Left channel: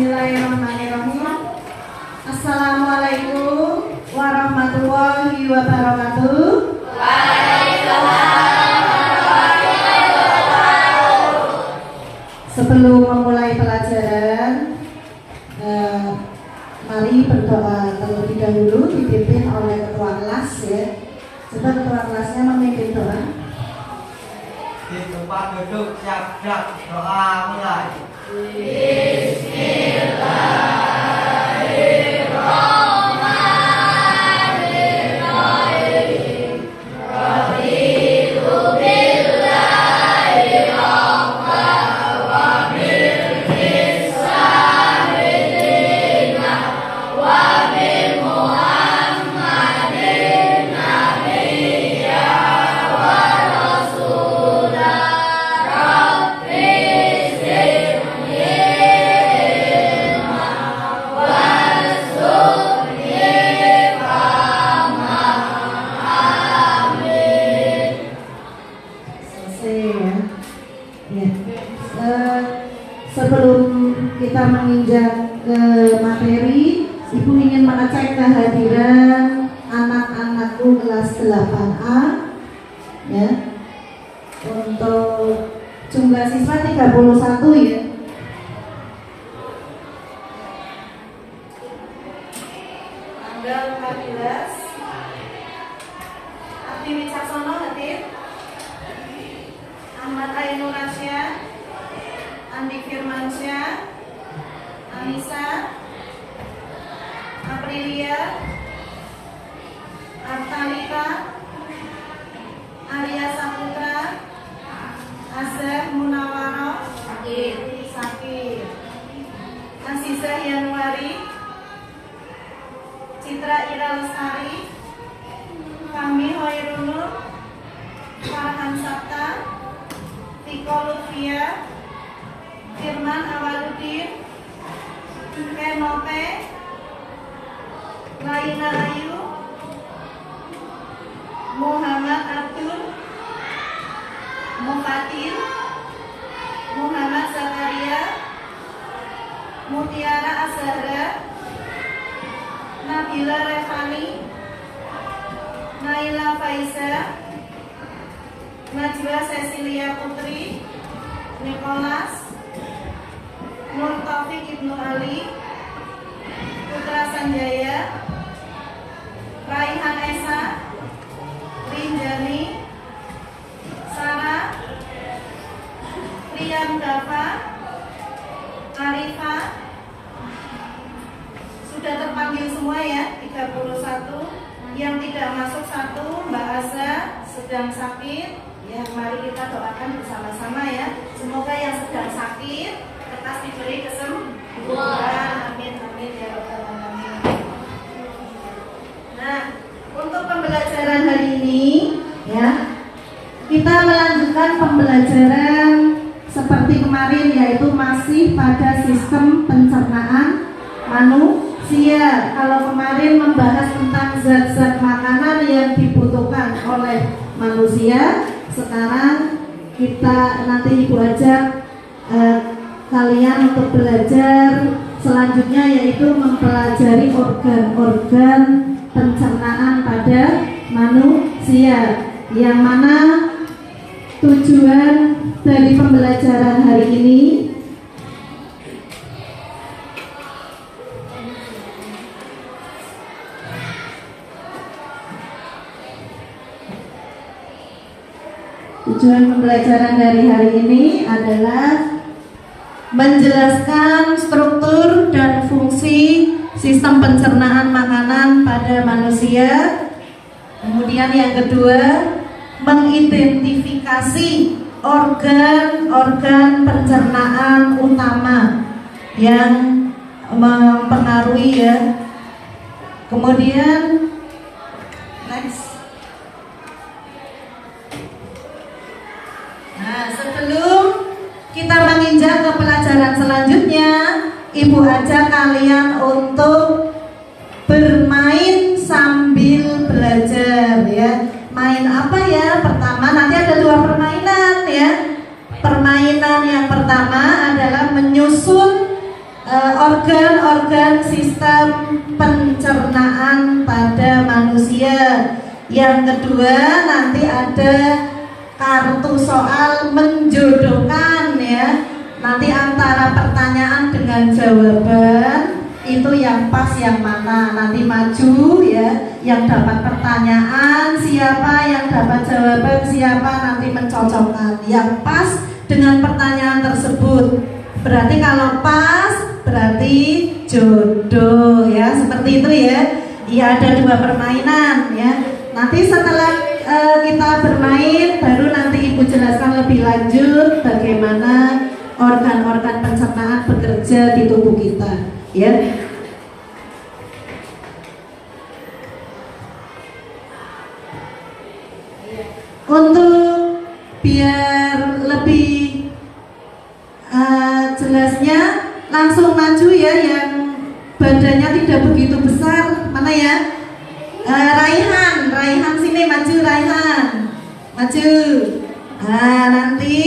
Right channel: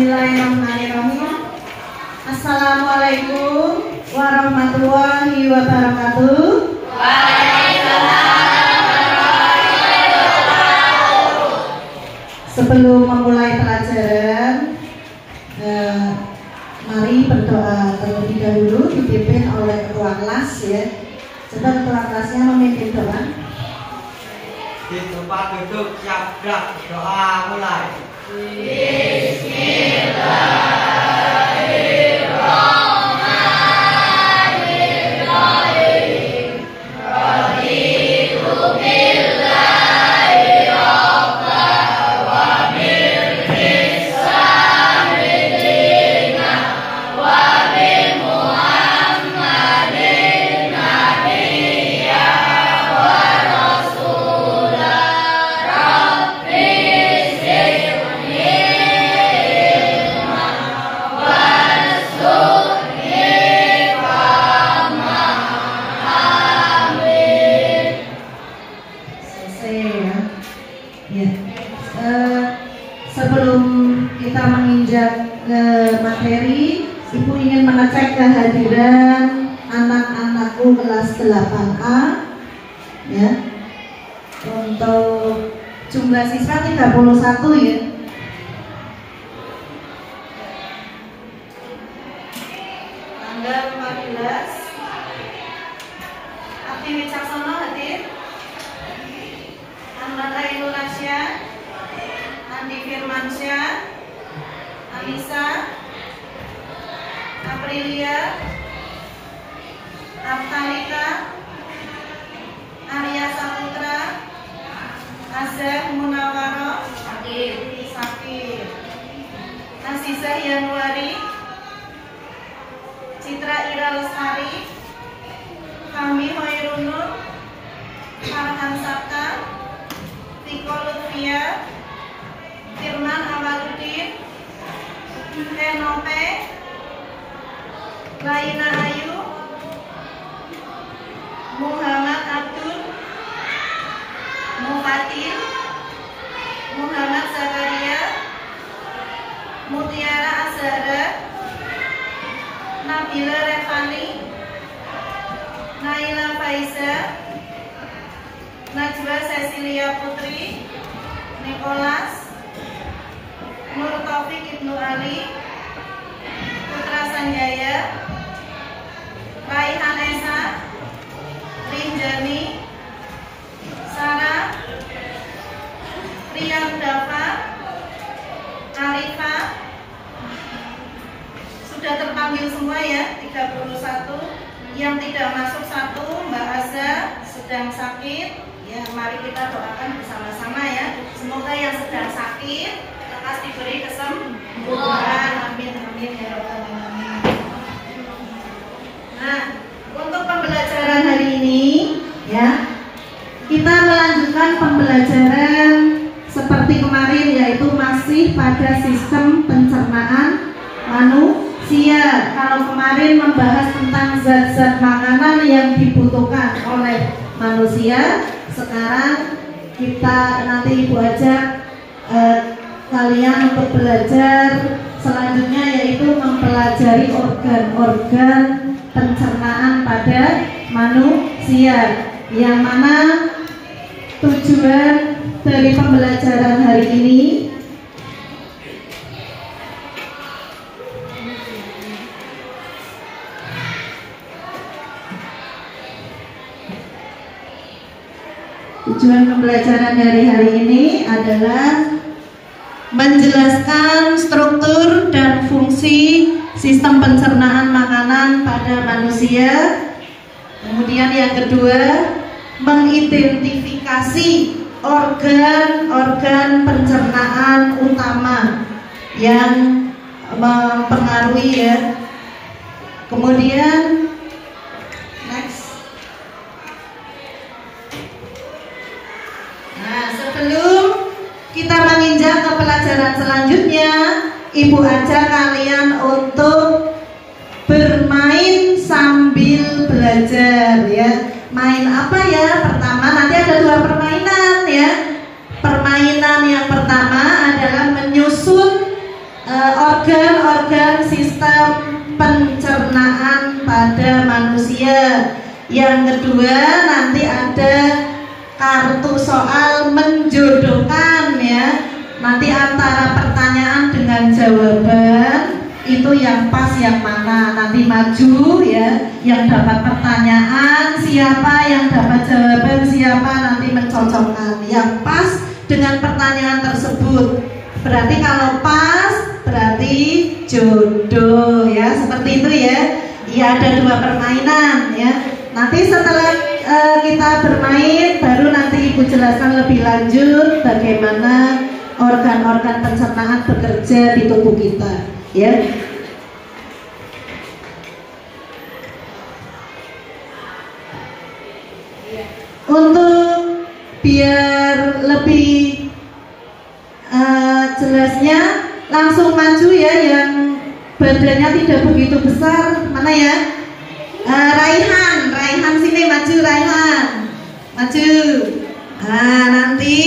Bismillahirrahmanirrahim. Assalamualaikum warahmatullahi wabarakatuh. Sebelum memulai pelajaran, mari berdoa terlebih dahulu, dipimpin oleh ketua kelas ya. Coba ketua kelasnya memimpin doa. Di tempat duduk siap gerak, doa mulai. Sebelum kita menginjak ke materi, Ibu ingin mengecek kehadiran anak-anakku kelas 8A ya. Untuk jumlah siswa 31 ya. Tanggal 14 Abdi Wicaksono hadir. Ahmad Ainur Rasya, Andi Firmansyah, Anissa, Aprilia, Artalika, Arya Saputra, Azhar Munawaro, Sakir, Nasisa Yanuari, Citra Ira Lestari, Fahmi Hoirunur, Farhan Sabta, Tiko Lutfia, Firman Awaludin, Kenote, Laina Ayu, Muhammad Abdul, Mufatil, Muhammad Zakaria, Mutiara Azhara, Nabila Revani, Naila Faiza, Najwa Cecilia Putri, Nicholas, Nur Taufik Ibnu Ali, Putra Sanjaya, Raihan Esa, Rinjani, Sarah, Rian Dafa, Arifah. Sudah terpanggil semua ya, 31. Yang tidak masuk 1, Mbak Aza sedang sakit. Ya, mari kita doakan bersama-sama ya. Semoga yang sedang sakit lekas diberi kesembuhan. Amin amin ya rabbal alamin. Nah, untuk pembelajaran hari ini ya, kita melanjutkan pembelajaran seperti kemarin, yaitu masih pada sistem pencernaan manusia. Kalau kemarin membahas tentang zat-zat makanan yang dibutuhkan oleh manusia, sekarang kita nanti Ibu ajak kalian untuk belajar selanjutnya, yaitu mempelajari organ-organ pencernaan pada manusia, yang mana tujuan dari pembelajaran hari ini hari ini adalah menjelaskan struktur dan fungsi sistem pencernaan makanan pada manusia. Kemudian yang kedua, mengidentifikasi organ-organ pencernaan utama yang mempengaruhi ya. Kemudian next. Nah, sebelum kita menginjak ke pelajaran selanjutnya, Ibu ajak kalian untuk bermain sambil belajar ya. Main apa ya? Pertama, nanti ada 2 permainan ya. Permainan yang pertama adalah menyusun organ sistem pencernaan pada manusia. Yang kedua nanti ada kartu soal menjodohkan ya. Nanti antara pertanyaan dengan jawaban itu yang pas yang mana, nanti maju ya, yang dapat pertanyaan siapa, yang dapat jawaban siapa, nanti mencocokkan yang pas dengan pertanyaan tersebut. Berarti kalau pas berarti jodoh ya, seperti itu ya. Ya ada 2 permainan ya. Nanti setelah kita bermain baru nanti Ibu jelaskan lebih lanjut bagaimana organ-organ pencernaan bekerja di tubuh kita ya. Untuk biar lebih jelasnya langsung maju ya, yang badannya tidak begitu besar. Mana ya? Raihan sini maju, Raihan maju. Nanti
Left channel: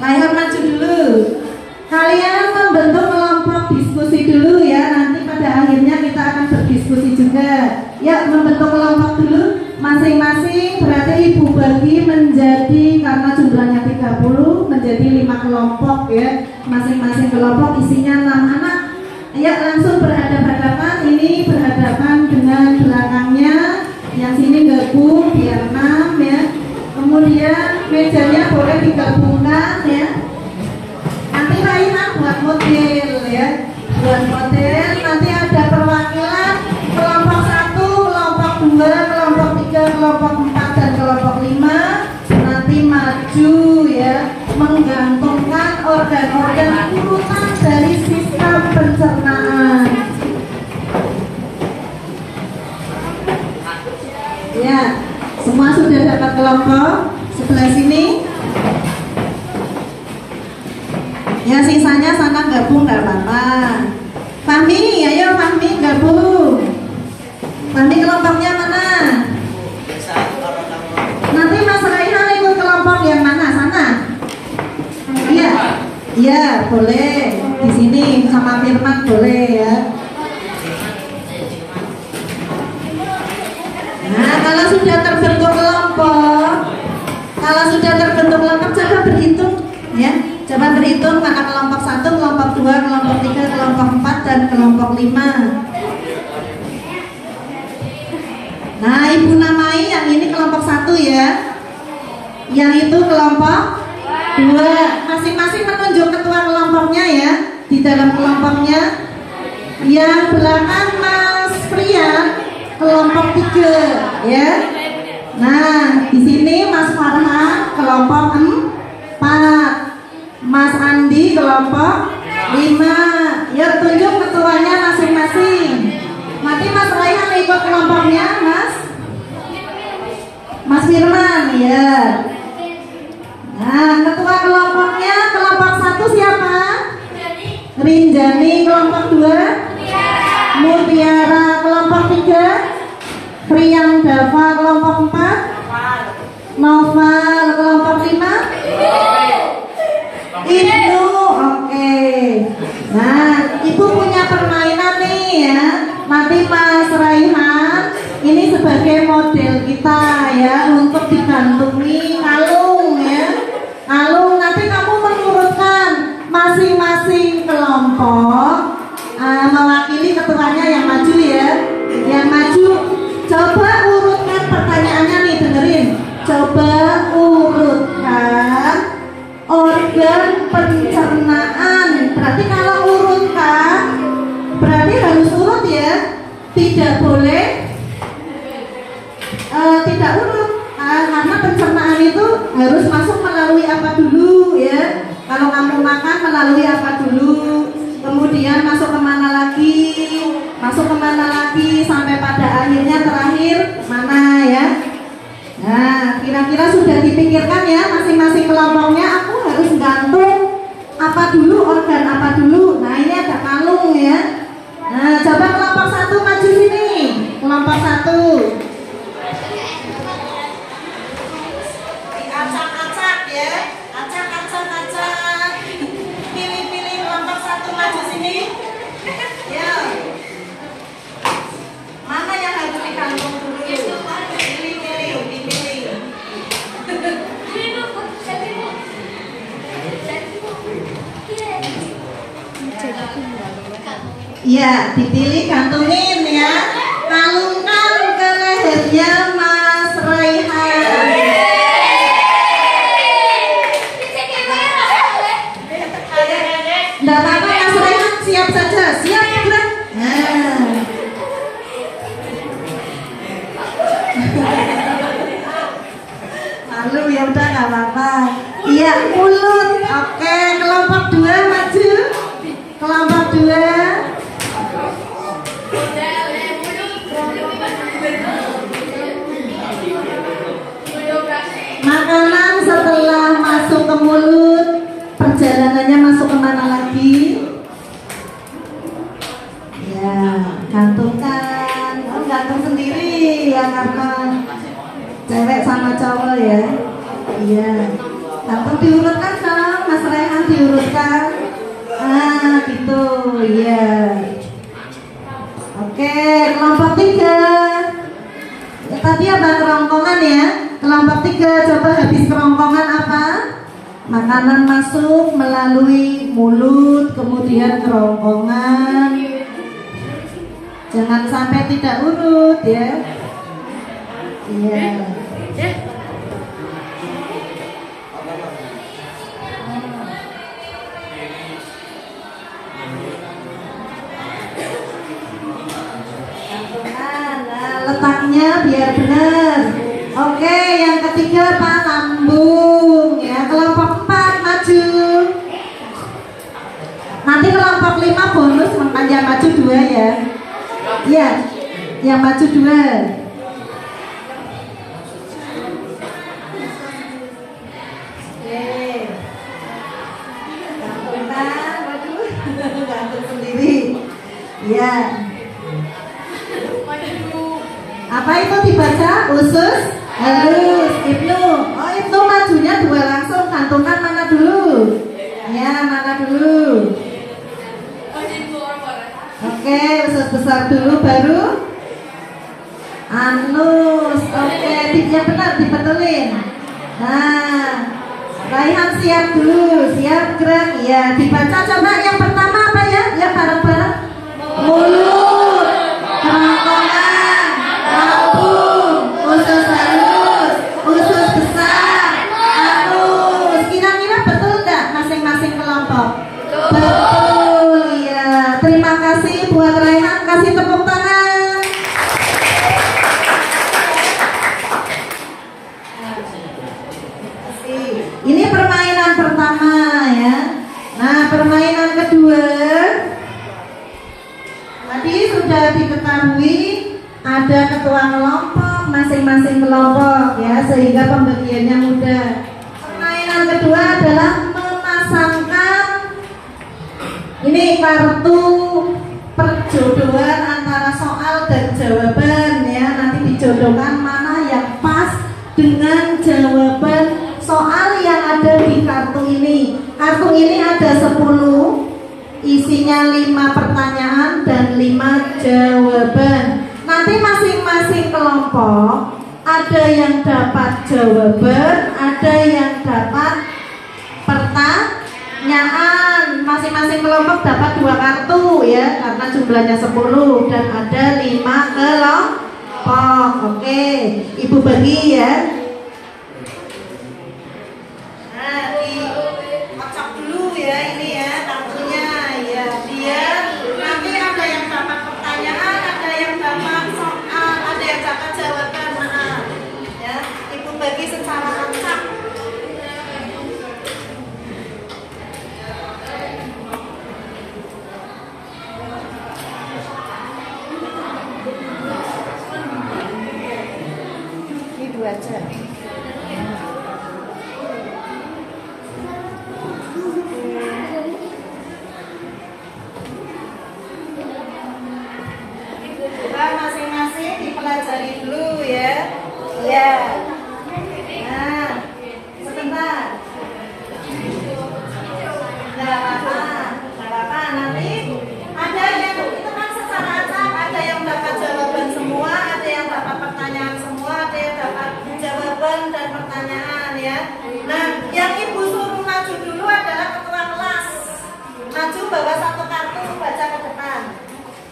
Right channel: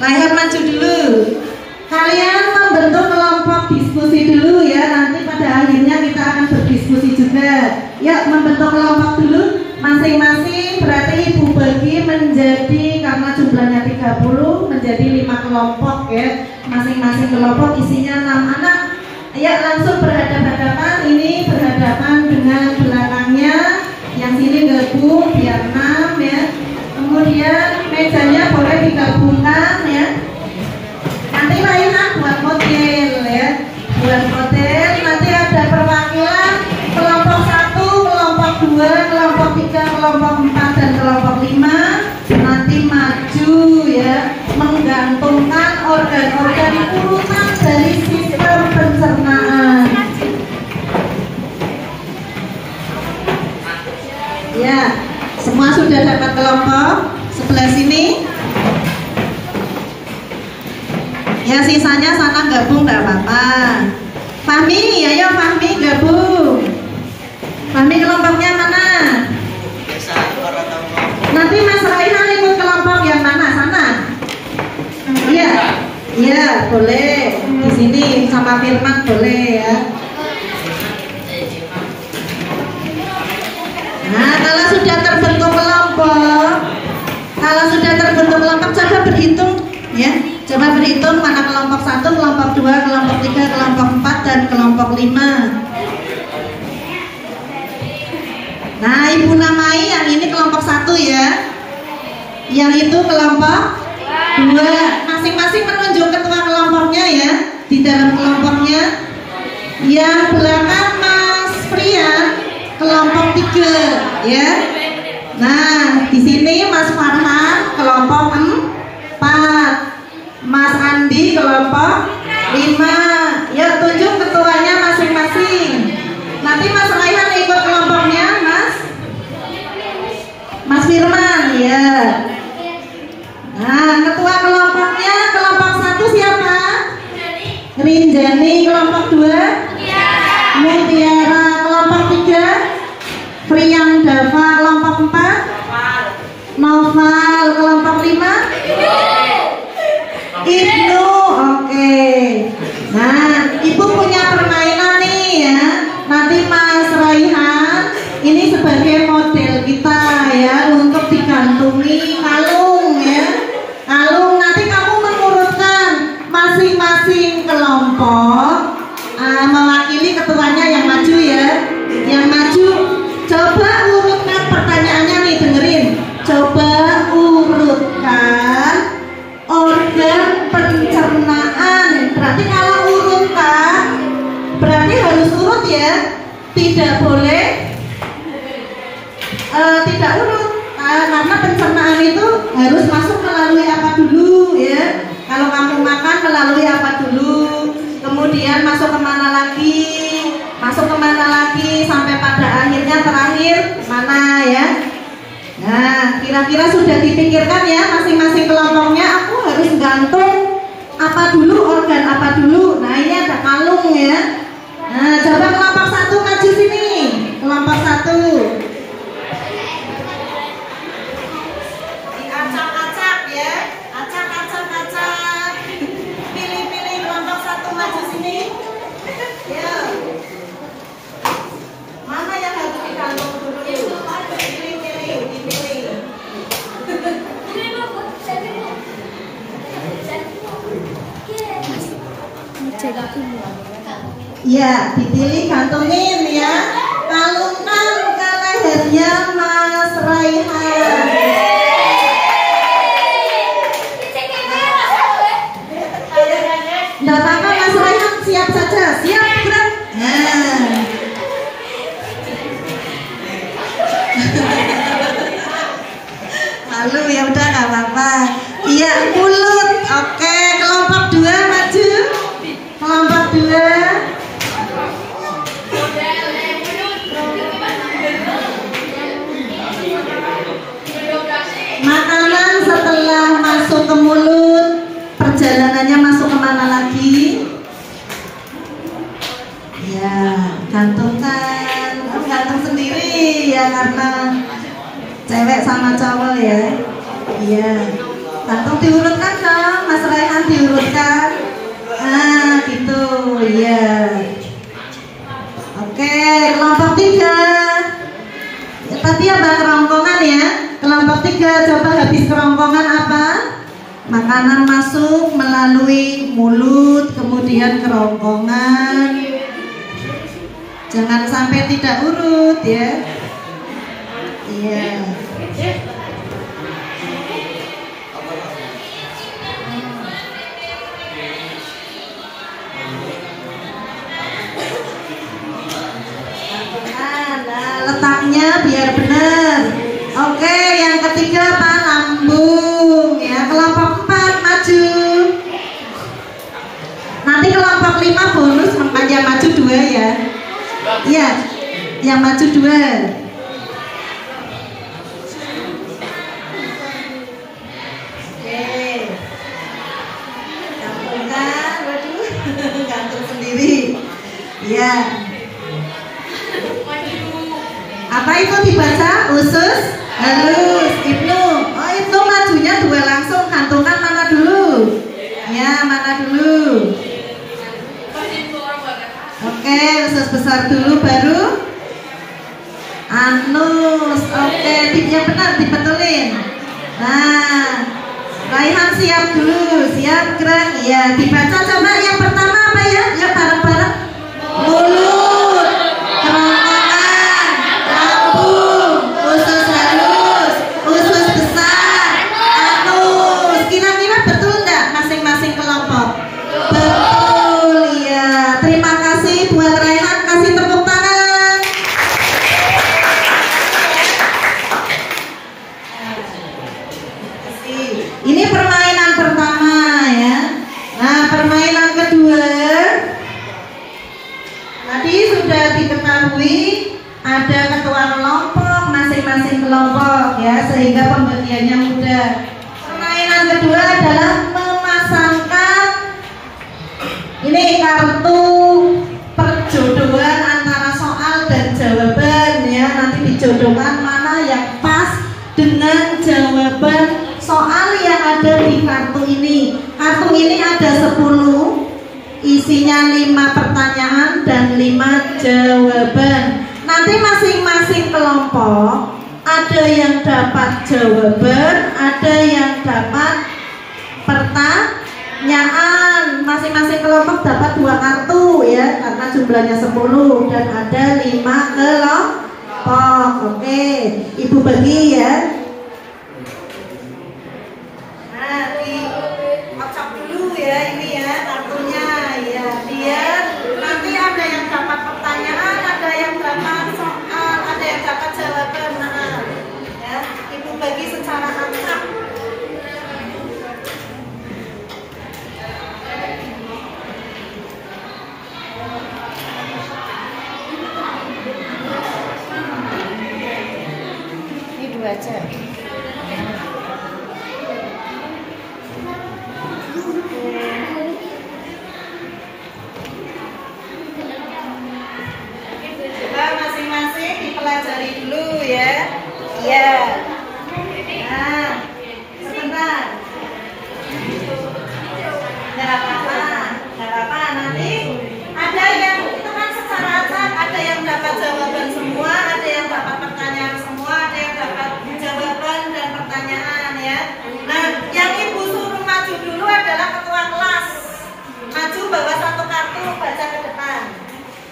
Raihan maju dulu. Kalian membentuk kelompok diskusi dulu ya. Nanti pada akhirnya kita akan berdiskusi juga. Ya, membentuk kelompok dulu masing-masing. Berarti Ibu bagi menjadi, karena jumlahnya 30, menjadi 5 kelompok ya. Masing-masing kelompok isinya 6 anak. Ya, langsung berhadapan-hadapan. Ini berhadapan dengan belakangnya. Yang sini gabung biar 6 ya. Kemudian mejanya boleh digabungkan ya. Nanti Raihan buat model ya. Buat model. Nanti ada perwakilan kelompok 1, kelompok 2, kelompok 3, kelompok 4 dan kelompok 5. Nanti maju ya, menggantungkan organ-organ urutan dari sistem pencernaan. Ya, semua sudah dapat kelompok sebelah sini. Ya, sisanya sana gabung nggak apa-apa. Fahmi, ayo Fahmi gabung. Fahmi kelompoknya mana? Nanti Mas Raihan ikut kelompok yang mana? Sana? Iya, iya boleh. Di sini sama Firman boleh ya. Nah, kalau sudah terbentuk kelompok, coba berhitung ya. Coba berhitung mana kelompok 1, kelompok 2, kelompok 3, kelompok 4 dan kelompok 5. Nah, Ibu namai yang ini kelompok 1 ya. Yang itu kelompok 2. Masing-masing menunjuk ketua kelompoknya ya. Di dalam kelompoknya. Yang belakang Mas Priyan kelompok 3 ya. Nah, di sini Mas Farhan kelompok 4. Mas Andi kelompok 5. Ya, tunjuk ketuanya masing-masing. Nanti Mas Raihan ikut kelompoknya Mas Firman ya. Nah, ketua kelompoknya kelompok 1 siapa? Rinjani. Kelompok 2 Mutiara. Kelompok 3 Priyang Dava. Kelompok 4 Noval. Kelompok 5 Ibnu. Oke. Nah, Ibu punya permainan nih ya. Nanti Mas Raihan ini sebagai model kita ya, untuk digantungi kalung ya. Kalung nanti kamu mengurutkan masing-masing kelompok, mewakili ketuanya yang maju ya. Yang maju, coba urutkan pertanyaannya nih, dengerin. Coba urutkan organ pencernaan. Berarti kalau urutkan berarti harus urut ya. Tidak boleh tidak urut, karena pencernaan itu harus masuk melalui apa dulu ya. Kalau kamu makan melalui apa dulu, kemudian masuk kemana lagi, sampai pada akhirnya terakhir mana ya. Nah, kira-kira sudah dipikirkan ya masing-masing kelompoknya. Aku harus gantung apa dulu, organ apa dulu. Nah, ini ada kalung ya. Nah, coba kelompok 1 maju sini. Kelompok 1 acak-acak ya. Acak. Pilih kelompok 1 maju sini. Ya, dipilih, gantungin ya. Kalungkan ke lehernya Mas Raihan. Nggak apa-apa Mas Raihan, siap saja. Siap, gerak. Nah. Malu ya udah nggak apa-apa. Iya, mulut. Oke, kelompok 2 maju. Kelompok 2. Makanan setelah masuk ke mulut, perjalanannya masuk kemana lagi? Ya, gantungkan. Gantung sendiri ya karena cewek sama cowok ya. Iya. Gantung diurutkan dong, Mas Raihan diurutkan. Nah, gitu. Iya. Oke, kelompok 3. Tadi apa kerongkongan ya? Kelompok 3 coba habis kerongkongan apa? Makanan masuk melalui mulut, kemudian kerongkongan. Jangan sampai tidak urut ya. Iya. Nah, letaknya biar benar. Oke, yang ketiga apa? Lambung ya. Kelompok 4 maju. Nanti kelompok 5 bonus, makanya maju 2 ya. Iya, yang maju 2. Gantung sendiri. Ya. Apa itu dibaca? Usus halus. Ibnu. Oh, Ibnu majunya 2 langsung. Gantungkan mana dulu? Ya, mana dulu? Oke, usus besar dulu baru anus. Oke, tipnya benar, dibetulin. Nah, Raihan siap dulu, siap gerak. Ya, dibaca coba yang pertama apa ya? Ya bareng-bareng. Mulut, kerongkongan, lambung, usus halus, usus besar, anus. Kira-kira betul enggak masing-masing kelompok? Betul, iya. Terima kasih buat Raihan, kasih tepuk tangan. Ini permainan pertama ya. Nah, permainan kedua tadi sudah diketahui ada ketua kelompok, masing-masing kelompok ya, sehingga pembagiannya mudah. Permainan kedua adalah memasangkan ini kartu perjodohan antara soal dan jawaban ya. Nanti dijodohkan mana yang pas dengan jawaban soal yang ada di kartu ini. Kartu ini ada 10, isinya 5 pertanyaan dan 5 jawaban. Nanti masing-masing kelompok ada yang dapat jawaban, ada yang dapat pertanyaan. Masing-masing kelompok dapat 2 kartu ya, karena jumlahnya 10 dan ada 5 kelompok. Oke, Ibu bagi ya. Ya ini ya kartunya ya, biar nanti ada yang dapat pertanyaan, ada yang dapat soal, ada yang dapat jawaban. Nah, ya Ibu bagi secara acak. Ini 2 aja. Masing-masing dipelajari dulu ya. Iya. Nah, sebentar. Nggak apa-apa. Nanti ada yang itu kan secara acak, ada yang dapat jawaban semua, ada yang dapat pertanyaan semua, ada yang dapat jawaban dan pertanyaan ya. Nah, yang Ibu suruh maju dulu adalah ketua kelas. Maju bawa 1 kartu, baca ke depan.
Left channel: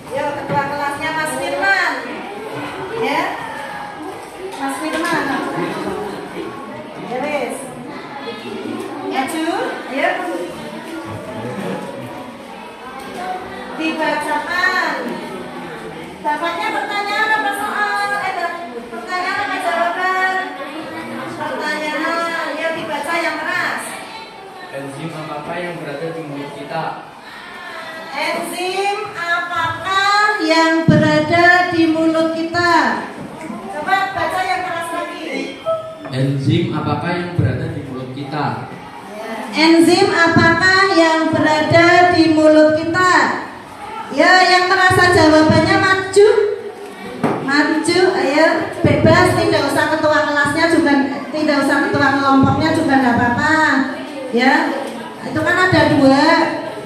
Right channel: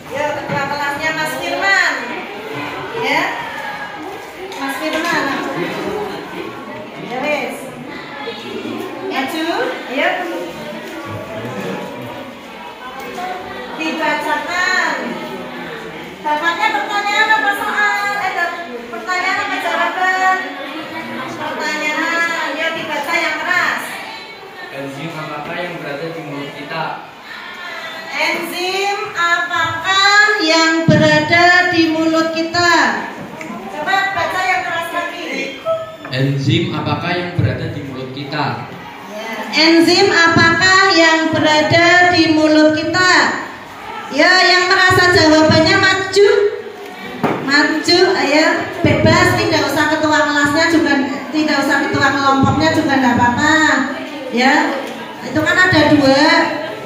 Yuk, ketua kelasnya Mas Firman. Ya. Mas Firman. Ya wes. Maju, ayo. Dibacakan. Dapatnya pertanyaan apa soal? Pertanyaan apa jawaban? Pertanyaan. Ya dibaca yang keras. Enzim apakah yang berada di mulut kita? Enzim apakah yang berada di mulut kita? Coba baca yang keras lagi. Enzim apakah yang berada di mulut kita? Ya. Enzim apakah yang berada di mulut kita? Ya, yang merasa jawabannya maju. Maju, ayo bebas, tidak usah ketua kelasnya juga, tidak usah ketua kelompoknya juga nggak apa-apa. Ya, itu kan ada dua.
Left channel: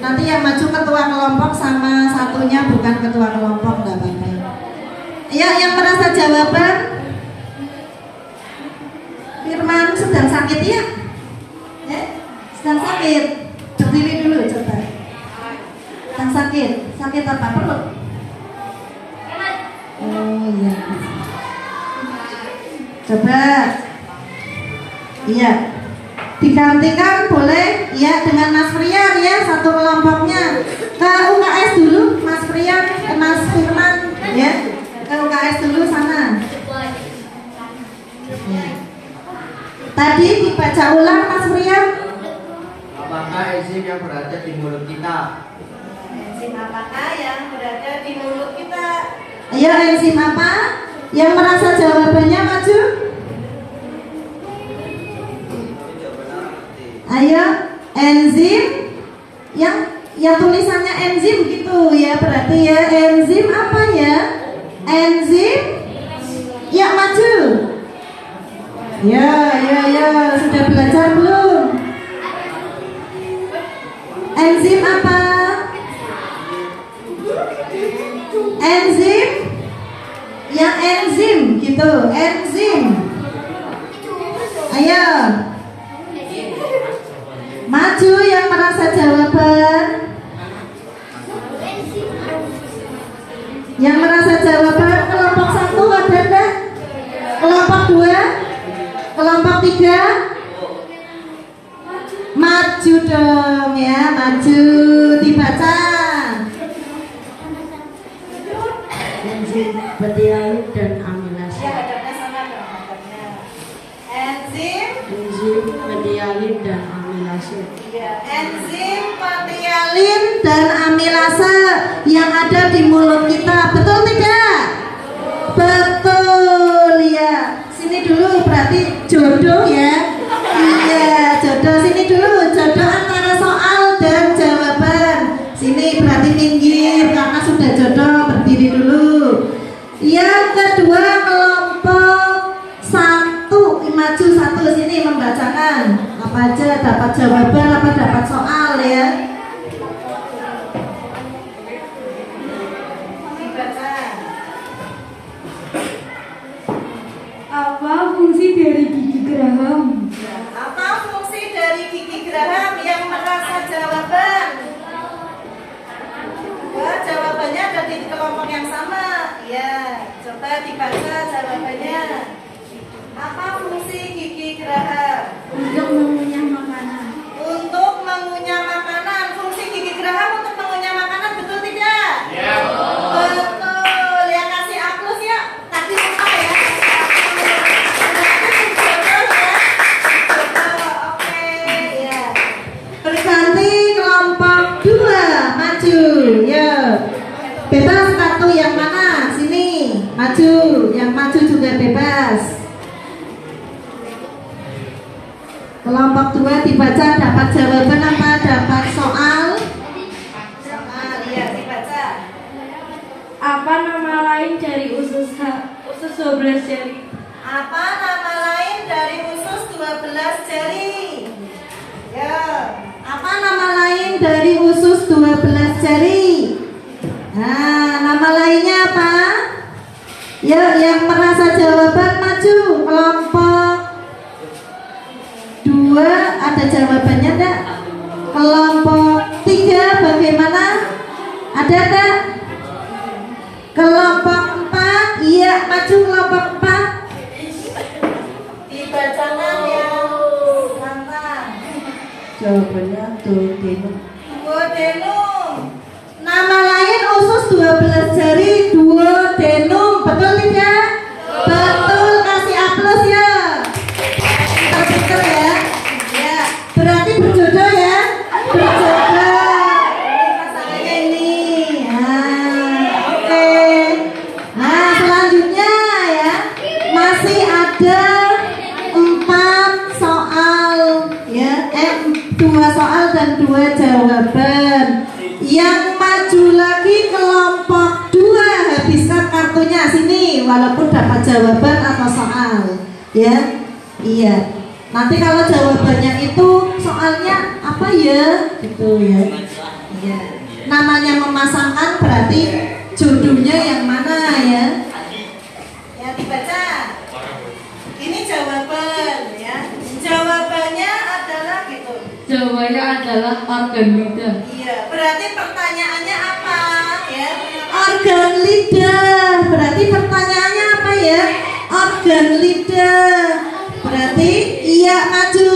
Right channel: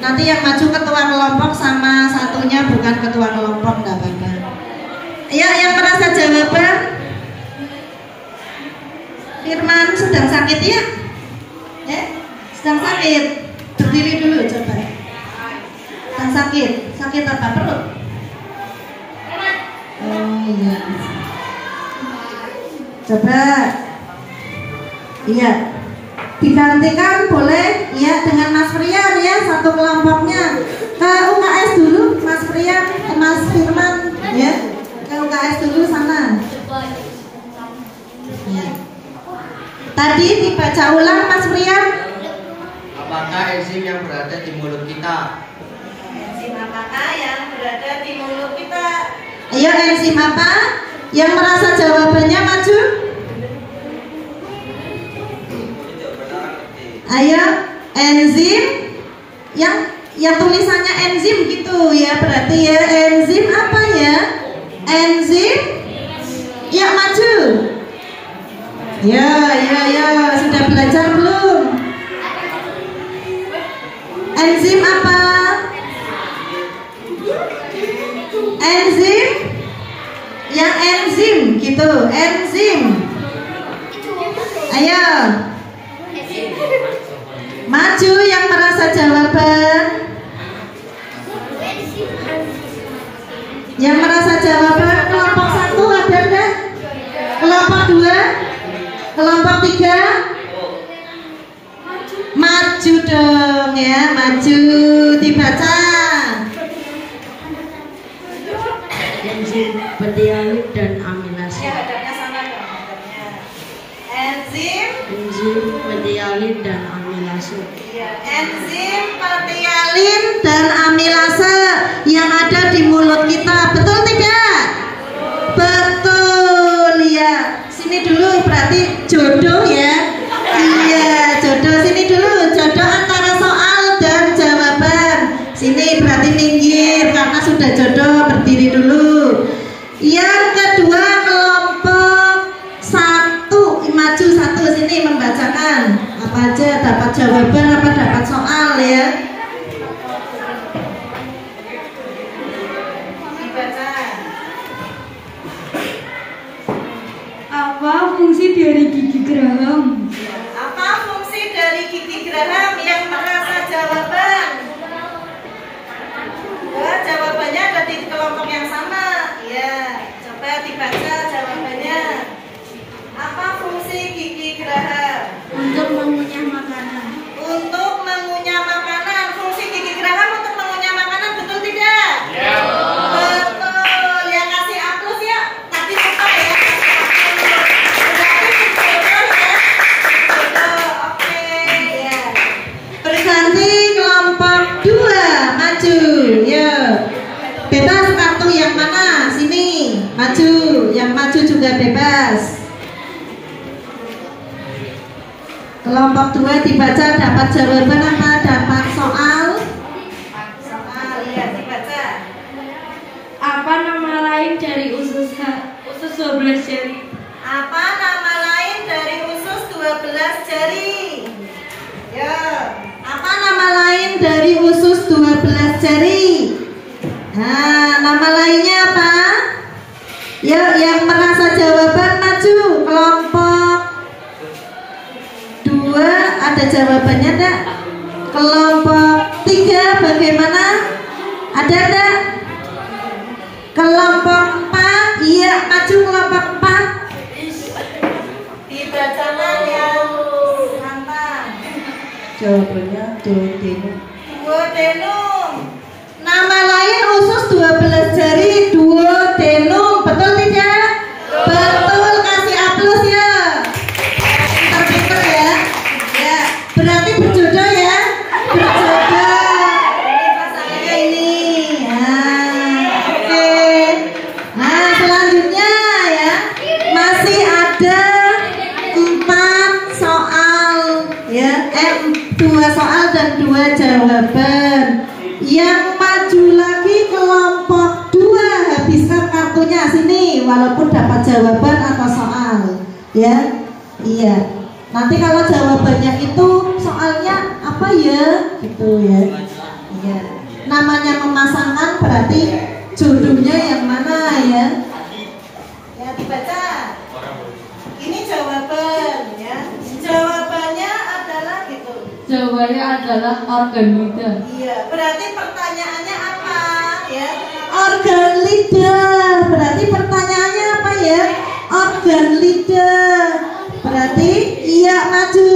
Nanti yang maju ketua kelompok sama satunya bukan ketua kelompok, nggak apa-apa. Ya, yang merasa jawaban. Firman sedang sakit ya? Ya, sedang sakit. Berdiri dulu coba. Sedang sakit. Sakit apa? Perut? Oh iya. Coba. Iya. Digantikan boleh ya dengan Mas Frian ya, satu kelompoknya. Ke UKS dulu Mas Frian, Mas Firman ya. Ke UKS dulu sana. Ya. Tadi dibaca ulang Mas Frian. Apakah enzim yang berada di mulut kita? Enzim apakah yang berada di mulut kita? Ayo, enzim apa? Yang merasa jawabannya maju. Ayo, enzim yang tulisannya enzim gitu ya, berarti ya enzim apa ya? Enzim ya maju. Ya, sudah belajar belum? Enzim apa? Enzim yang enzim gitu, enzim. Ayo. Maju yang merasa jawaban. Yang merasa jawaban kelompok 1 ada enggak? Kelompok 2? Kelompok 3? Maju dong ya, maju dibaca. Enzim betialin dan amilase. Ya, hadapnya sama dong, hadapnya. Enzim betialin dan amilase. ya, enzim petialin dan amilase yang ada di mulut kita. Betul tidak? Betul ya. Sini dulu berarti jodoh ya. Iya, jodoh. Sini dulu, jodoh antara soal dan jawaban. Sini berarti minggir karena sudah jodoh, berdiri dulu. Yang kedua kelompok 1, maju 1 sini membacakan apa aja, dapat jawaban apa dapat soal ya. Dibaca. Apa fungsi dari gigi geraham? Apa fungsi dari gigi geraham yang merasa jawaban? Wah, jawabannya ada di kelompok yang sama. Ya, coba dibaca jawabannya. Apa fungsi gigi geraham? Untuk mengunyah makanan. Untuk mengunyah makanan. Fungsi gigi geraham untuk mengunyah makanan, betul tidak? Ya. Betul. Yang kasih aplaus ya. Tadi suka ya. Ya. Berganti kelompok 2, maju. Ya. Bebas kartu yang mana? Sini. Maju. Yang maju juga bebas. Kelompok 2 dibaca, dapat jawaban apa? Dapat soal? Soal, ya dibaca. Apa nama lain dari usus 12 jari? Apa nama lain dari usus 12 jari? Ya. Apa nama lain dari usus 12 jari? Nah, nama lainnya apa? Ya, yang merasa jawaban maju. Kelompok 2 ada jawabannya enggak? Kelompok 3 bagaimana? Ada enggak? Jawabannya duodenum. Duodenum. Nama lain usus 12 jari duodenum, betul tidak? Betul, kasih aplaus ya. Pinter-pinter ya. Ya, berarti berjodoh ya. Berjodoh. Ini pasangannya ini. Nah, oke. Nah, selanjutnya ya. Masih ada 4 soal ya. 2 soal dan 2 jawaban. Yang maju lagi kelompok 2, habiskan kartunya sini walaupun dapat jawaban atau soal ya. Iya, nanti kalau jawabannya itu soalnya apa ya gitu ya. Iya, namanya memasangkan berarti jodohnya yang mana ya. Ya, dibaca. Ini jawaban ya. Jawabannya adalah gitu. Jawabannya adalah organ lidah. Iya, berarti pertanyaannya apa ya? Organ lidah. Berarti pertanyaannya apa ya? Organ lidah. Berarti iya maju.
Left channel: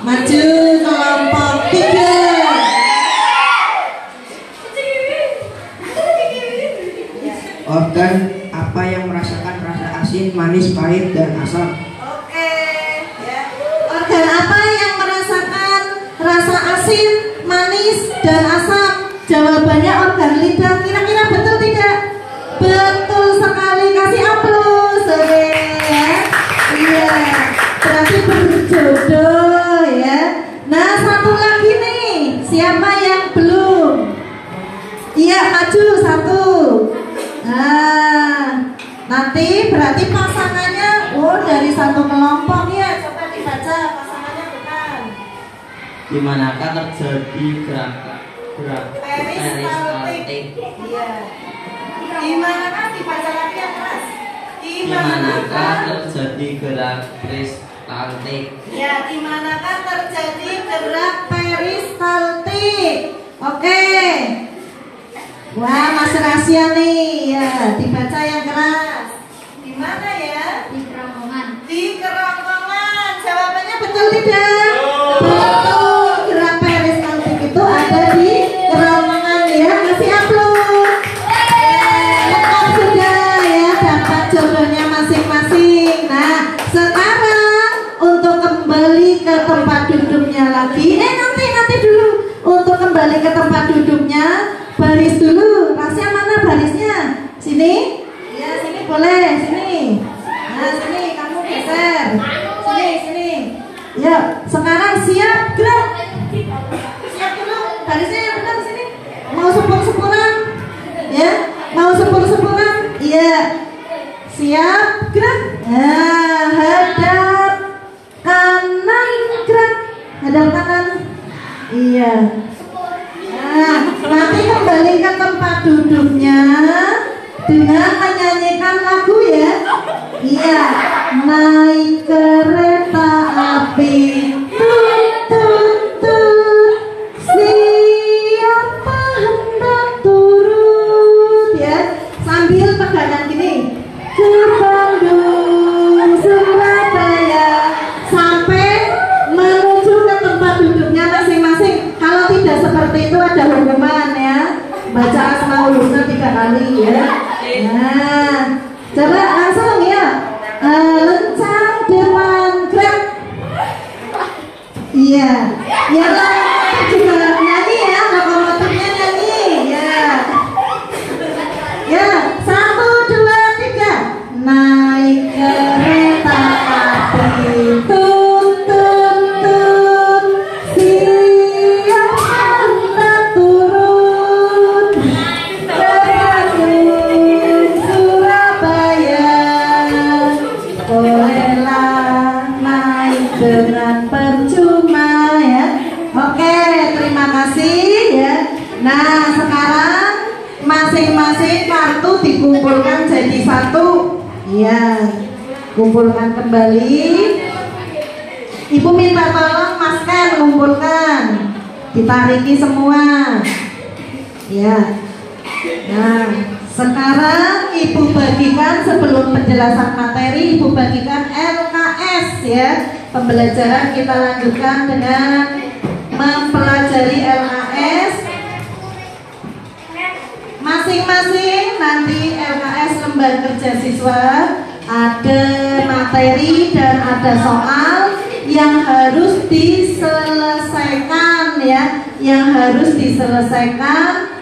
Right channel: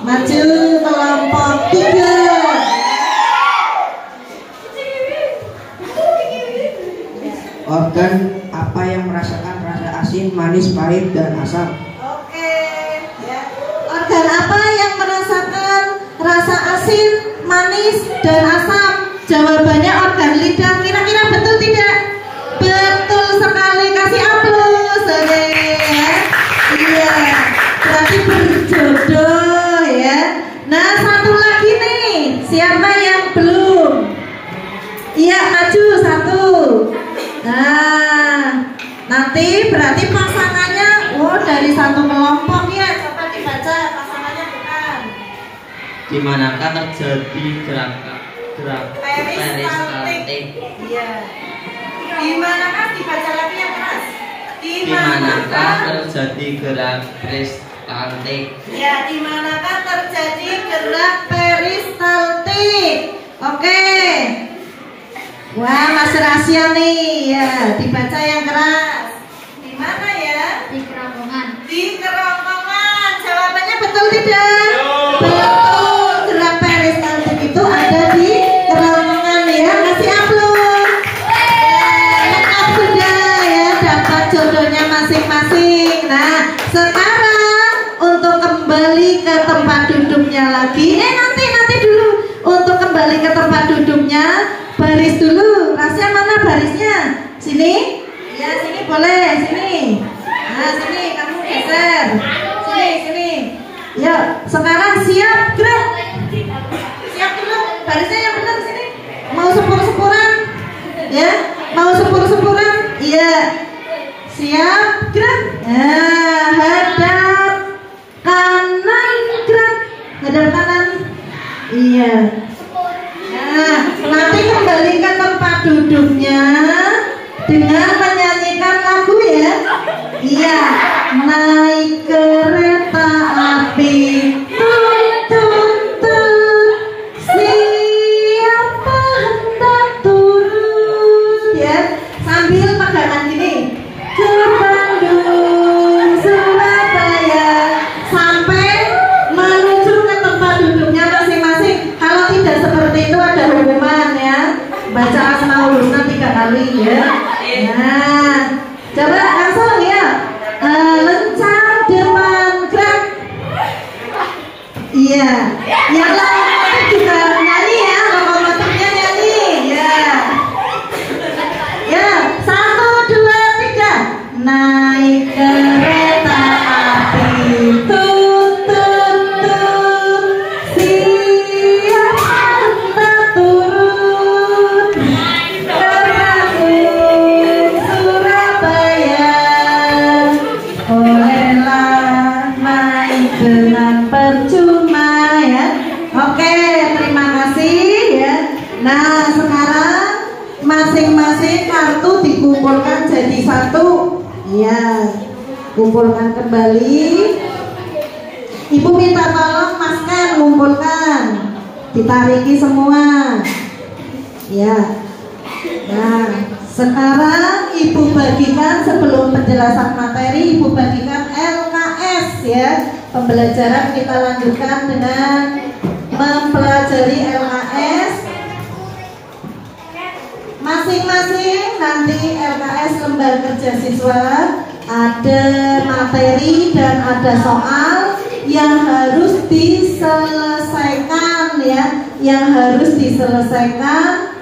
Maju kelompok 3. Organ apa yang merasakan rasa asin, manis, pahit, dan asam? Oke, ya. Organ apa yang merasakan rasa asin, manis, dan asam? Jawabannya organ lidah. Kira-kira betul tidak? Betul sekali. Kasih aplaus. Oke, ya. Iya. Berarti berjodoh ya. Nah, satu lagi nih. Siapa yang belum? Iya, maju 1. Nah, nanti berarti pasangannya dari satu kelompok ya. Coba dibaca pasangannya bukan. Di manakah terjadi gerak Peristaltik. Iya. Di manakah dibaca lagi yang keras? Di manakah terjadi gerak peristaltik? Ya, di manakah terjadi gerak peristaltik? Oke. Wah, masih rahasia nih. Ya, dibaca yang keras. Di mana ya? Di kerongkongan. Di kerongkongan. Jawabannya betul tidak? Betul. Gerak peristaltik itu ada di kerongkongan ya. Kasih aplaus. Lengkap sudah ya. Dapat jodohnya masing-masing. Nah, sekarang untuk kembali ke tempat duduknya lagi. Nanti dulu. Untuk kembali ke tempat duduknya, baris dulu. Rahasia mana barisnya? Sini? Ya, sini boleh. Sini. Nah, sini kamu geser. Sini. Ya, sekarang siap gerak. Siap dulu. Barisnya yang benar sini. Mau sepur-sepuran? Ya, mau sepur-sepuran? Iya. Siap gerak. Nah, hadap kanan gerak. Hadap kanan. Iya. Nah, nanti kembali ke tempat duduknya dengan menyanyikan lagu ya. Iya. Naik kereta api, tut tut tut, siapa hendak turun ya. Sambil pegangan gini. Ke Bandung, Surabaya, sampai menuju ke tempat duduknya masing-masing. Kalau tidak seperti itu ada hukuman ya. Baca Asmaul Husna 3 kali ya. Nah, coba langsung ya. Lencang depan gerak. Iya. Yang lokomotif juga nyanyi ya. Lokomotifnya nyanyi ya. Ya, 1, 2, 3. Naik kereta api, tut tut tut, siapa hendak turun? Ke Bandung, Surabaya, bolehlah naik dengan percuma ya. Oke, terima kasih ya. Nah, sekarang masing-masing kartu dikumpulkan jadi 1. Ya, kumpulkan kembali. Ibu minta tolong Mas Ken kumpulkan, ditariki semua. Ya. Nah, sekarang Ibu bagikan sebelum penjelasan materi, Ibu bagikan LKS ya. pembelajaran kita lanjutkan dengan mempelajari LKS. Masing-masing nanti LKS lembar kerja siswa ada materi dan ada soal yang harus diselesaikan ya, yang harus diselesaikan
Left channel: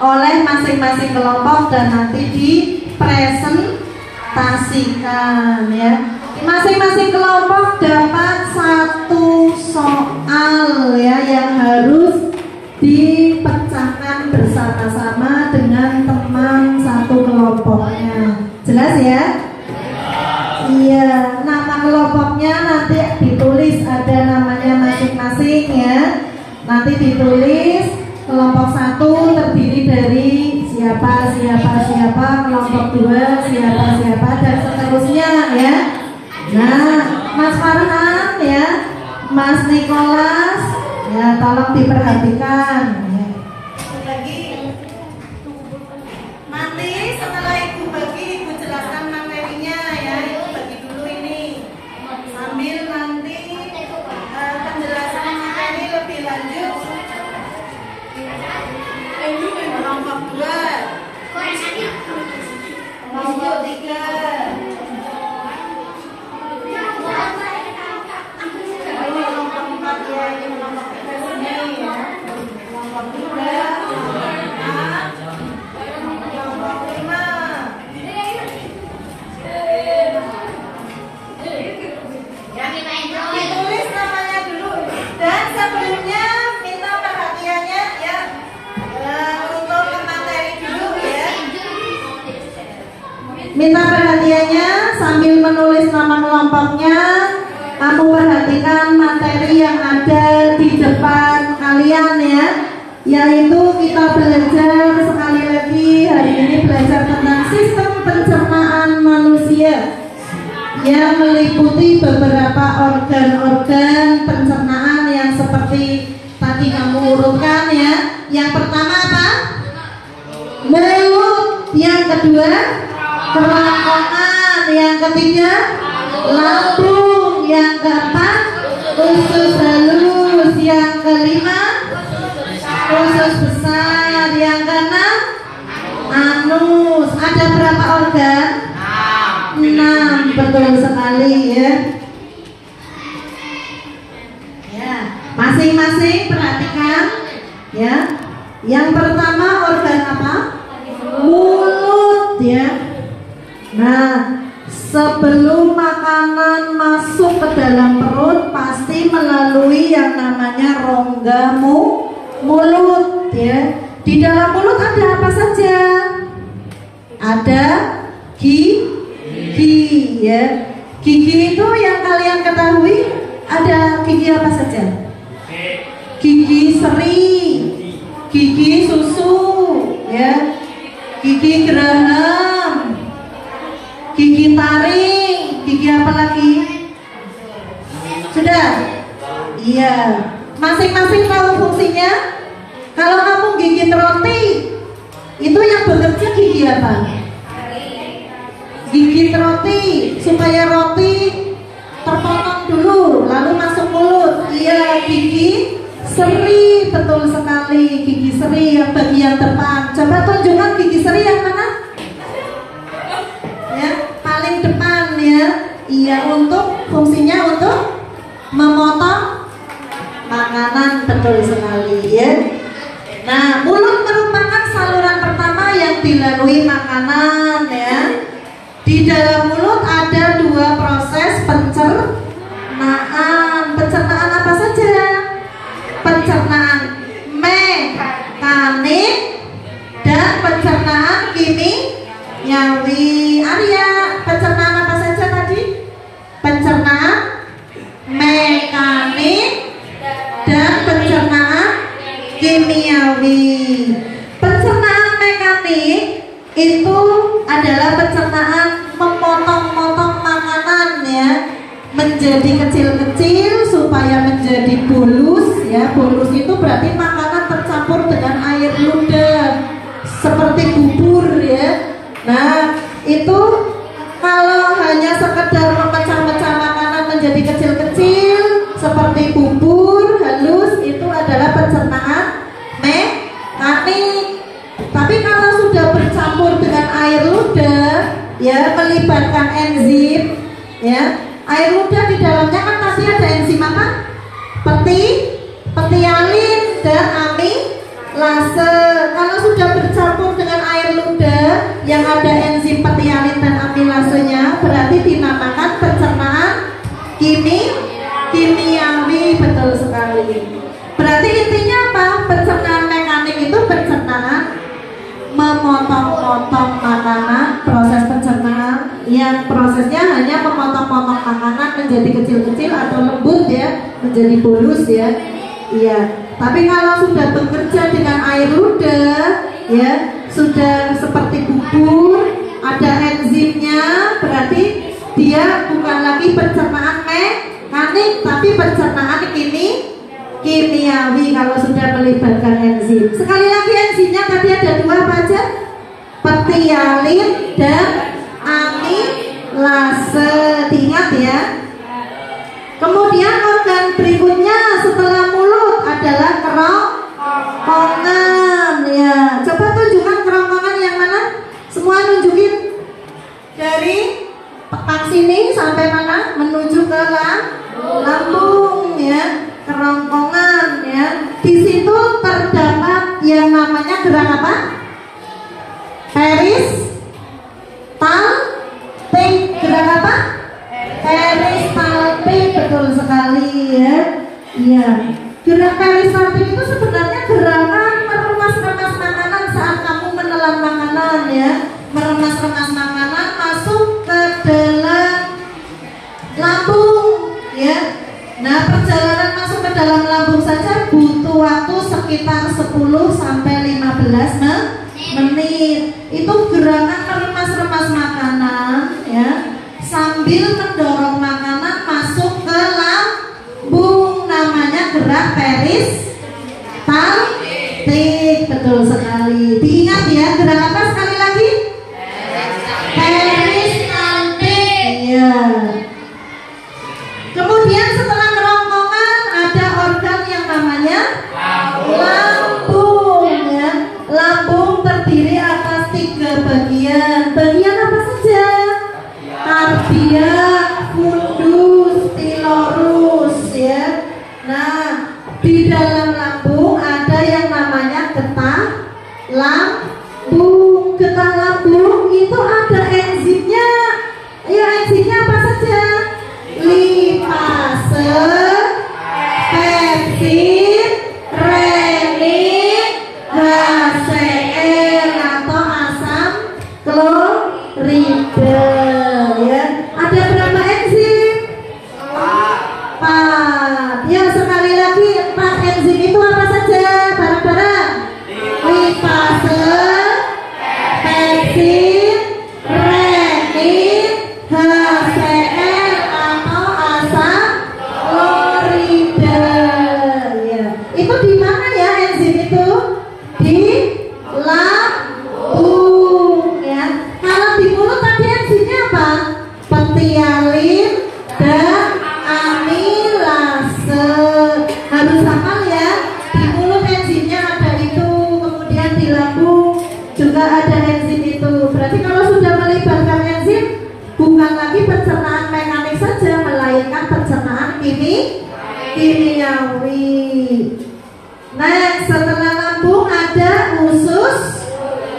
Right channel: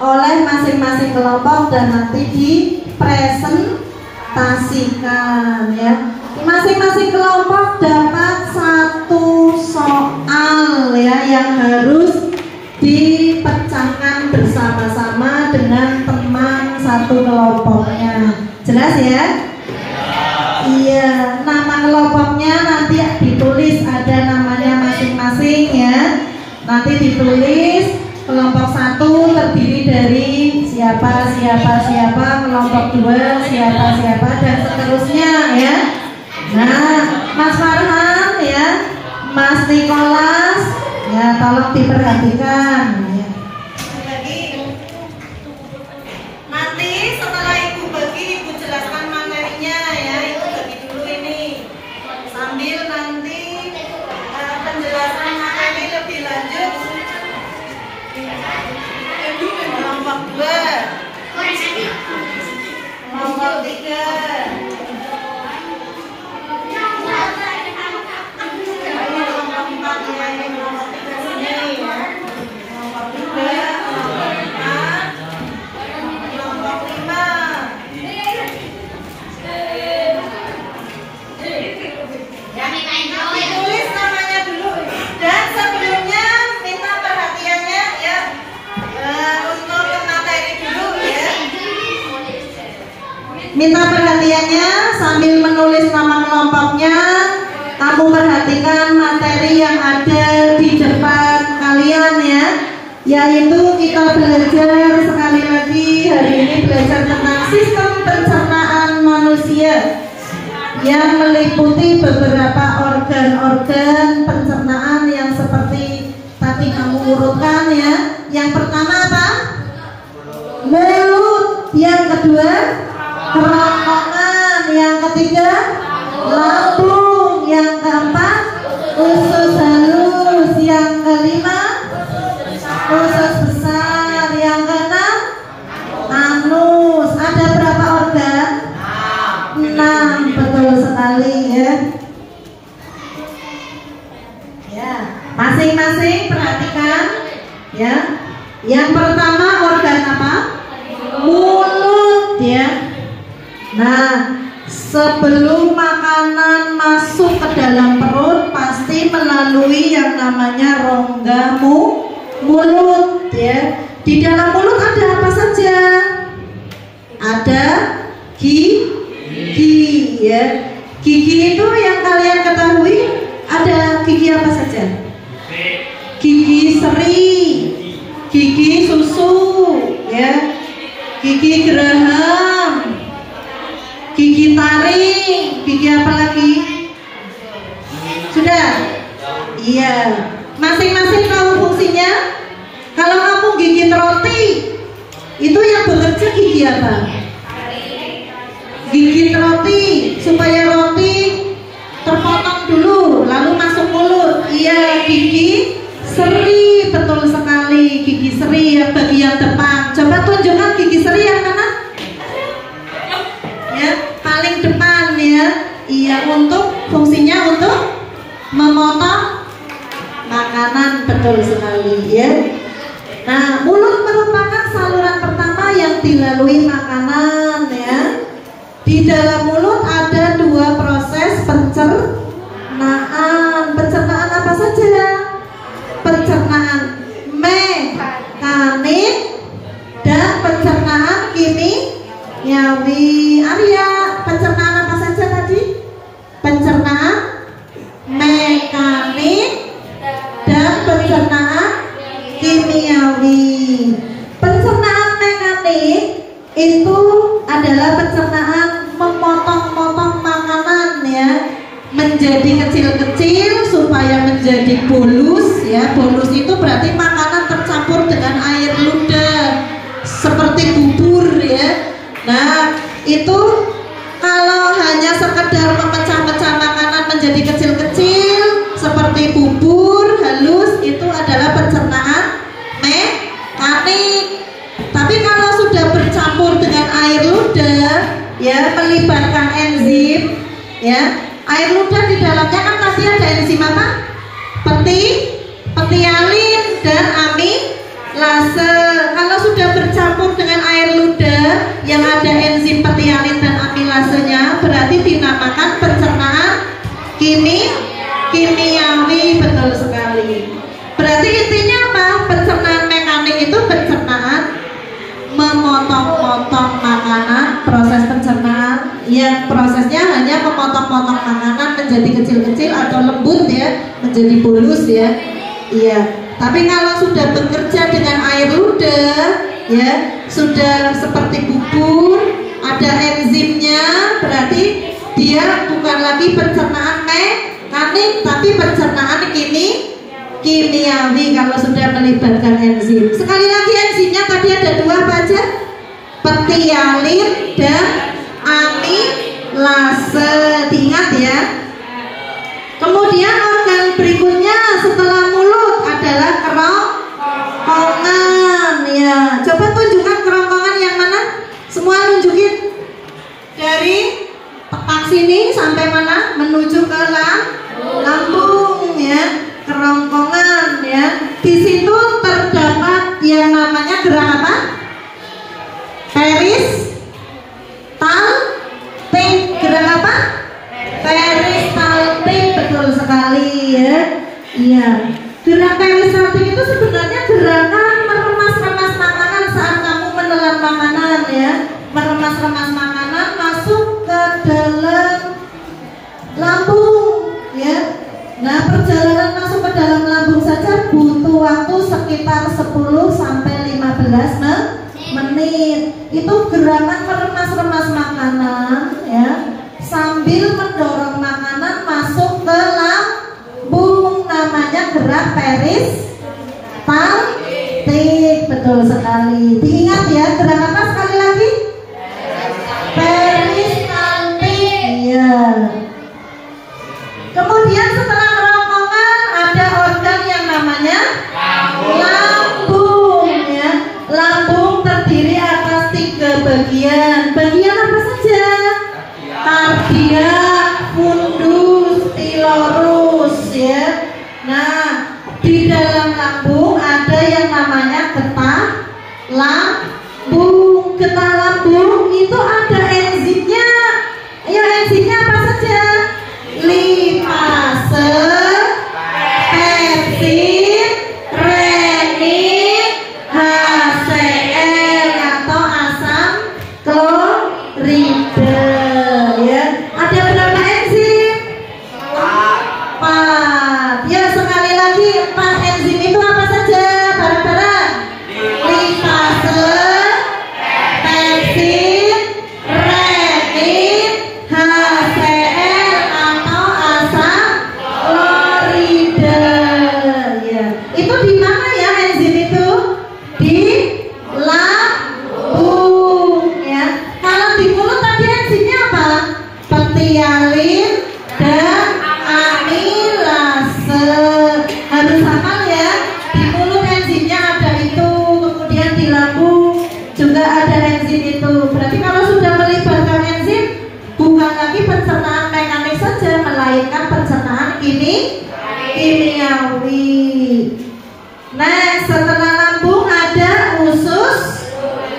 oleh masing-masing kelompok dan nanti dipresentasikan ya. Masing-masing kelompok dapat satu soal ya yang harus dipecahkan bersama-sama dengan teman satu kelompoknya. Jelas ya? Iya, nama kelompoknya nanti ditulis, ada namanya masing-masing ya. Nanti ditulis kelompok 1 terdiri dari siapa, kelompok 2 siapa, dan seterusnya ya. Nah, Mas Farhan ya, Mas Nikolas ya, tolong diperhatikan ya. Nanti setelah Ibu bagi, Ibu jelaskan materinya ya. Ibu bagi dulu ini sambil nanti penjelasan materi lebih lanjut. Kelompok 2, kelompok 3, kelompok 4 ya, ini kelompok 3 sini ya. Kelompok 3, kelompok 4, kelompok 5. Ditulis namanya dulu. Dan sebelumnya minta perhatiannya ya, untuk materi dulu ya. Minta perhatiannya sambil menulis nama kelompoknya. Kamu perhatikan materi yang ada di depan kalian ya, yaitu kita belajar sekali lagi hari ini belajar tentang sistem pencernaan manusia yang meliputi beberapa organ-organ pencernaan yang seperti tadi kamu urutkan ya. Yang pertama apa? Mulut. Yang kedua kerongkongan. Yang ketiga lambung. Yang keempat usus halus. Yang kelima usus besar. Yang keenam anus. Ada berapa organ? 6, betul sekali ya. Ya, masing-masing perhatikan ya. Yang pertama organ apa? Mulut ya. Nah, sebelum makanan masuk ke dalam perut pasti melalui yang namanya rongga mulut ya. Di dalam mulut ada apa saja? Ada gigi ya. Gigi itu yang kalian ketahui ada gigi apa saja? Gigi seri, gigi susu ya, gigi geraham, gigi taring, gigi apa lagi? Sudah? Iya. Masing-masing tahu fungsinya? Kalau kamu gigit roti, itu yang bekerja gigi apa? Gigit roti supaya roti terpotong dulu lalu masuk mulut. Iya, gigi seri, betul sekali. Gigi seri yang bagian depan. Coba tunjukkan gigi seri yang mana? Ya, paling depan ya. Iya, untuk fungsinya untuk memotong makanan, betul sekali ya. Nah, mulut merupakan saluran pertama yang dilalui makanan ya. Di dalam mulut ada 2 proses pencernaan. Pencernaan apa saja? Pencernaan mekanik dan pencernaan kimiawi. Arya, pencernaan apa saja tadi? Pencernaan mekanik dan pencernaan kimiawi. Pencernaan mekanik itu adalah pencernaan memotong-motong makanan ya, menjadi kecil-kecil supaya menjadi bolus ya. Bolus itu berarti makanan tercampur dengan air ludah seperti bubur ya. Nah, itu kalau hanya sekedar memecah-mecah makanan menjadi kecil-kecil ya, melibatkan enzim, ya. Air ludah di dalamnya kan pasti ada enzim apa? Petialin dan amilase. Kalau sudah bercampur dengan air ludah yang ada enzim petialin dan amilasenya, berarti dinamakan pencernaan kimiawi. Betul sekali. Berarti intinya apa? Pencernaan mekanik itu pencernaan memotong-motong makanan, proses pencernaan yang prosesnya hanya memotong-motong makanan menjadi kecil-kecil atau lembut ya, menjadi bolus ya. Iya. Tapi kalau sudah bekerja dengan air ludah ya, sudah seperti bubur, ada enzimnya, berarti dia bukan lagi pencernaan mekanik tapi pencernaan kimiawi kalau sudah melibatkan enzim. Sekali lagi enzimnya tadi ada dua apa aja? Petialin dan amilase. Diingat ya. Kemudian organ berikutnya setelah mulut adalah kerongkongan ya. Coba tunjukkan kerongkongan yang mana? Semua nunjukin. Dari tepak sini sampai mana? Menuju ke lambung ya. Kerongkongan ya. Di situ terdapat yang namanya gerak apa? Peristaltik. Gerak apa? Peristaltik. Betul sekali ya. Iya. Gerak peristaltik itu sebenarnya gerakan meremas-remas makanan saat kamu menelan makanan ya. Meremas-remas makanan masuk ke dalam lambung ya. Nah, perjalanan masuk ke dalam lambung saja butuh waktu sekitar 10 sampai 15 menit. Itu gerakan meremas-remas makanan ya, sambil mendorong makanan masuk ke lambung, namanya gerak peristaltik. Betul sekali. Diingat ya, gerak apa sekali lagi? Peristaltik. Iya. Kemudian setelah kerongkongan ada organ yang namanya lambung ya. Lambung terdiri atas 3 bagian. Bagian apa saja? Kardiak, fundus, pilorus ya. Nah, di dalam lambung ada yang namanya getah lambung. Getah lambung itu ada enzimnya. Ayo, enzimnya apa saja? Lipase, pepsin, renin, HCl atau asam klorida ya. Ada berapa enzim? 4. Ya, sekali lagi 4 enzim itu apa saja? Bareng-bareng. Lipase, pepsin, renin, HCl atau asam klorida ya. Itu di mana ya enzim itu? Di lambung ya. Kalau di mulut tadi enzimnya apa? Petialin dan amilase. Harus hafal ya. Di mulut enzimnya ada itu, kemudian di lambung juga ada enzim itu. Berarti kalau sudah melibatkan enzim, bukan lagi pencernaan mekanik saja, melainkan pencernaan kimiawi. Nah, setelah lambung ada usus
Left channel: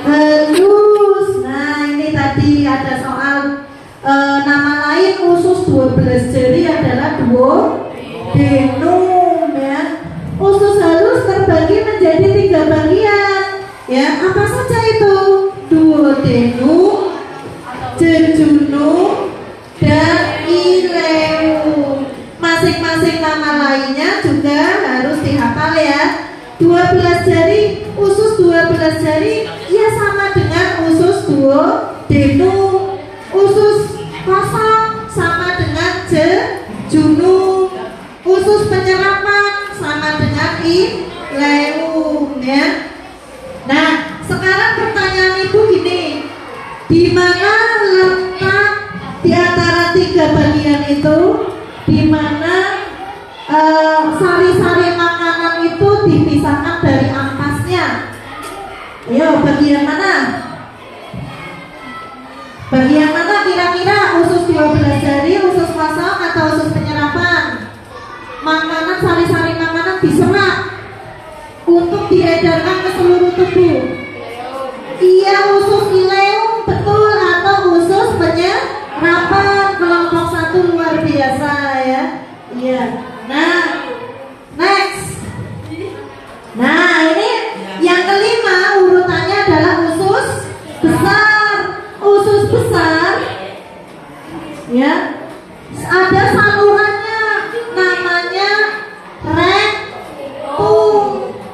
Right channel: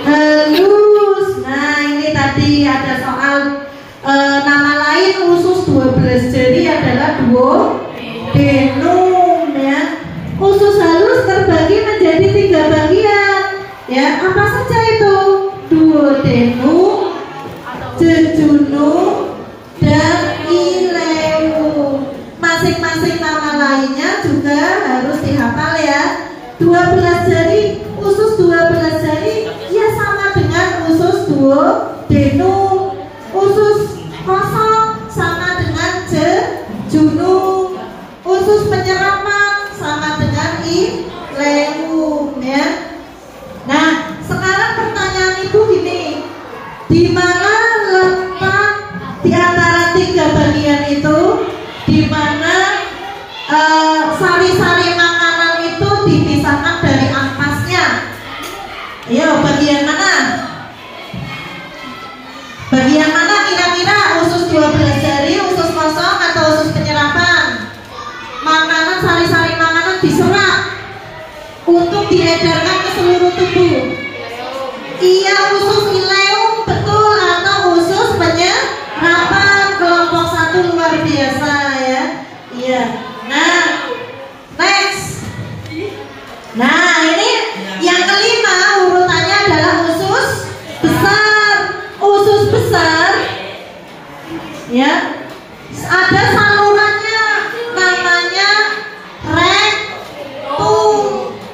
halus. Nah, ini tadi ada soal nama lain usus 12 jari adalah duodenum ya. Usus halus terbagi menjadi 3 bagian ya. Apa saja itu? Duodenum, jejunum, dan ileum. Masing-masing nama lainnya juga harus dihafal ya. 12 jari, usus 12 jari ya sama dengan usus duodenum. Usus kosong sama dengan jejunum. Usus penyerapan sama dengan ileum ya. Nah, sekarang pertanyaan ibu gini, di mana letak di antara 3 bagian itu, di mana sari-sari makanan itu dipisahkan dari ampasnya? Ayo, bagian mana? Bagian mana? sari-sari makanan diserap untuk diedarkan ke seluruh tubuh? Iya, usus ileum, betul, atau usus penyerapan. Kelompok 1 luar biasa ya. Iya. Nah, next. Nah, ini yang kelima urutannya adalah usus besar. Usus besar ya, ada salurannya namanya rektum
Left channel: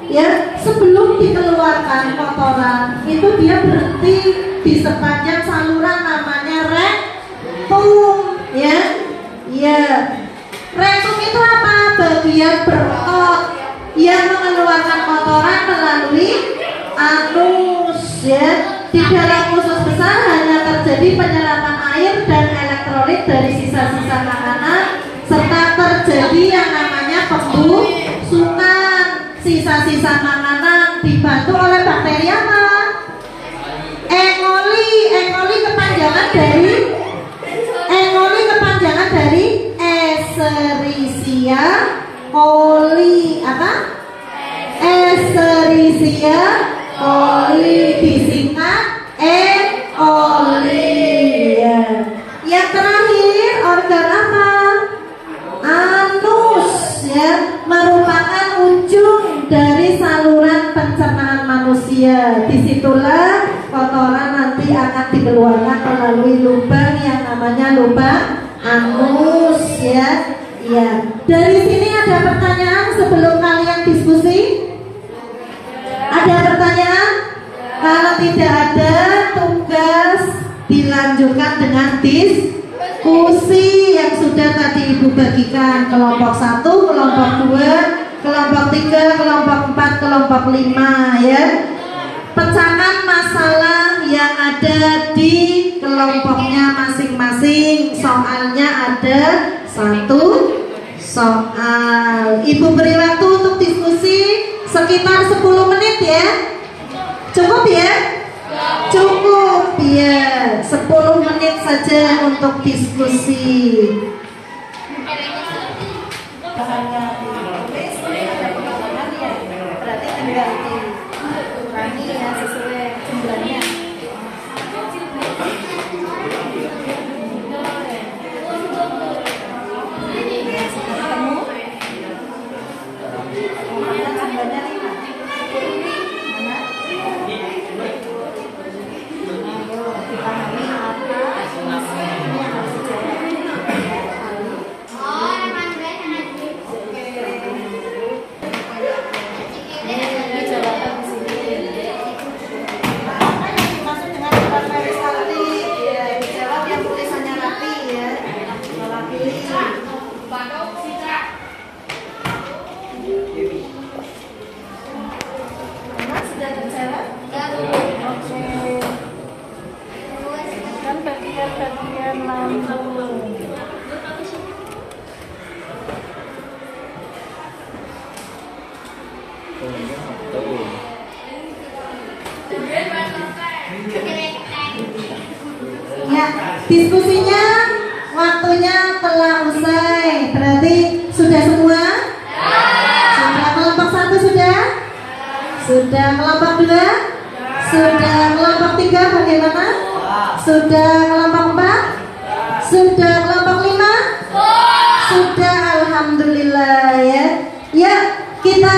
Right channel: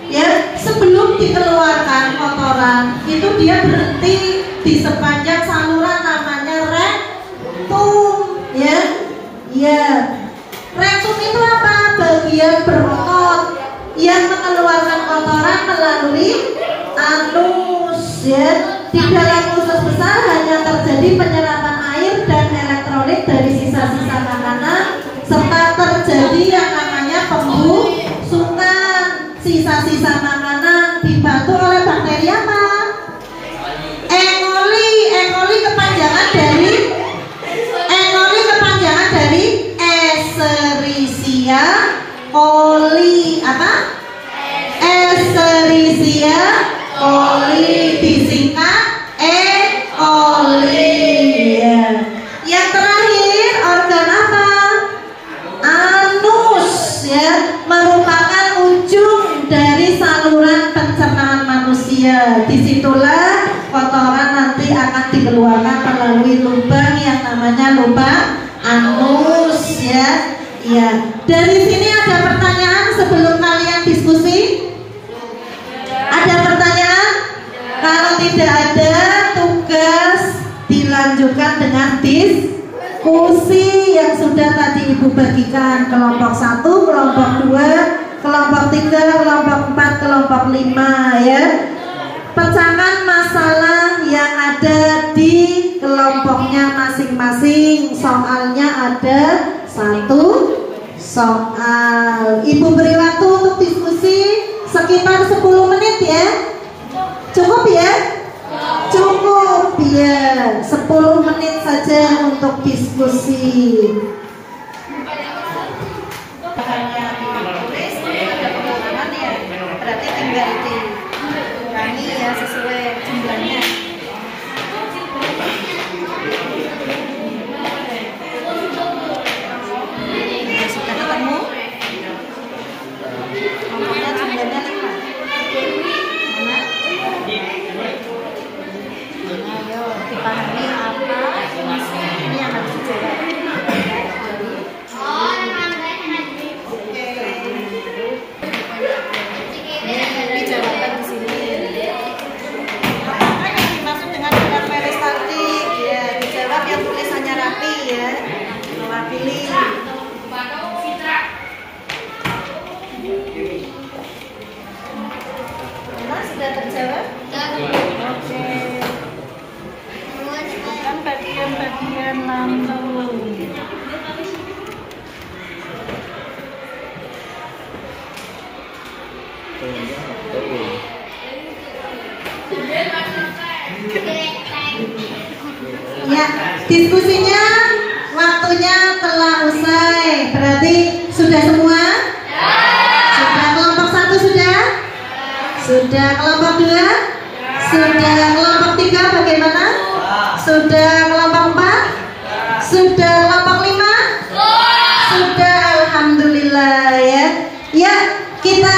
ya. Sebelum dikeluarkan kotoran itu dia berhenti di sepanjang saluran namanya rektum ya. Ya, rektum itu apa? Bagian berotot yang mengeluarkan kotoran melalui anus ya. Di dalam usus besar hanya terjadi penyerapan air dan elektrolit dari sisa-sisa makanan, serta terjadi yang namanya pembusukan. Sisa-sisa makanan dibantu oleh bakteri apa? E. coli kepanjangan dari Escherichia coli. Apa? Escherichia coli, disingkat E. coli ya. Yang terakhir organ apa? Anus ya, merupakan ujung dari saluran pencernaan manusia. Disitulah kotoran nanti akan dikeluarkan melalui lubang yang namanya lubang anus ya. Ya, dari sini ada pertanyaan sebelum kalian diskusi? Ada pertanyaan? Kalau tidak ada, tugas dilanjutkan dengan diskusi yang sudah tadi Ibu bagikan. Kelompok 1, kelompok 2, kelompok 3, kelompok 4, kelompok 5 ya. Pecahkan masalah yang ada di kelompoknya masing-masing. Soalnya ada 1 soal. Ibu beri waktu untuk diskusi sekitar 10 menit ya. Cukup ya? Cukup ya. 10 menit saja untuk diskusi. Bahannya ditulis, ada pengalaman ya. Berarti tinggal dikurangi ya sesuai jumlahnya. Sudah ketemu? Kelompoknya jumlahnya 5. Mana? Ayo dipahami apa ini yang harus dijawab. Ini jawaban di sini. Apa yang dimaksud dengan debat peristaltik? Ya, dijawab yang tulisannya rapi ya, mewakili. Mana sudah terjawab? Oke. Kan bagian lambung. Ya, diskusinya waktunya telah usai. Berarti sudah semua? Sudah. Kelompok 1 sudah? Sudah. Kelompok 2? Sudah. Kelompok 3 bagaimana? Sudah. Kelompok 4? Sudah. Kelompok 5? Sudah. Alhamdulillah ya. Ya, kita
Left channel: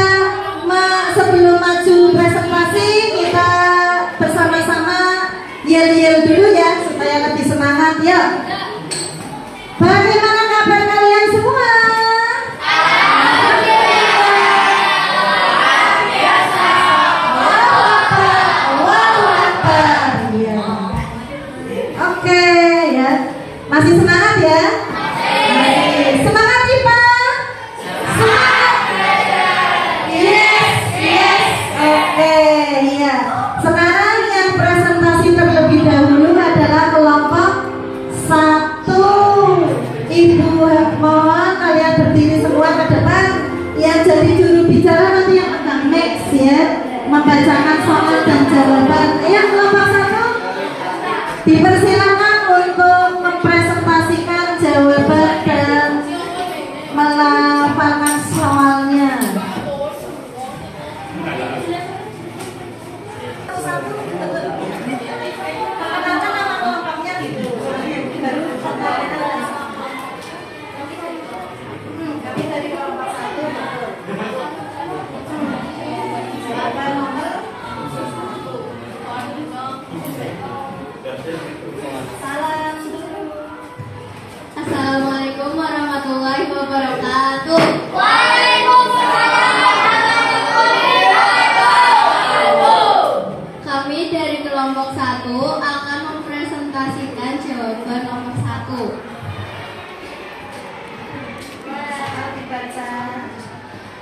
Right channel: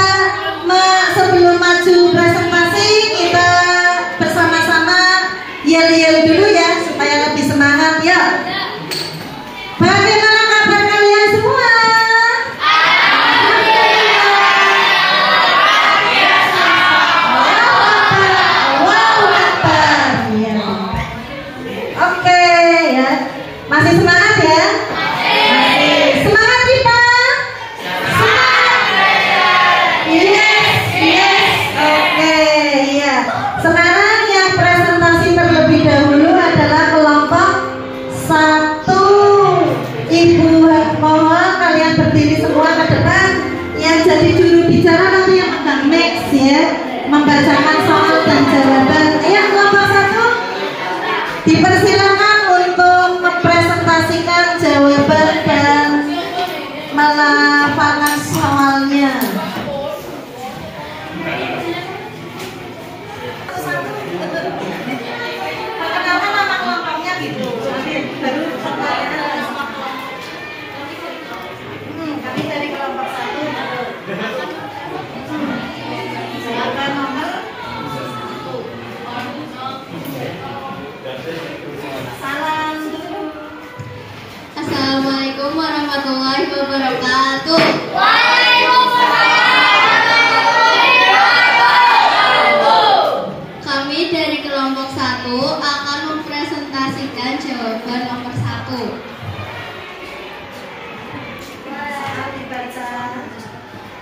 sebelum maju presentasi kita bersama-sama yel-yel dulu ya supaya lebih semangat ya. Bagaimana kabar kalian semua? Allahu Akbar. Ya. Oke ya. Masih semangat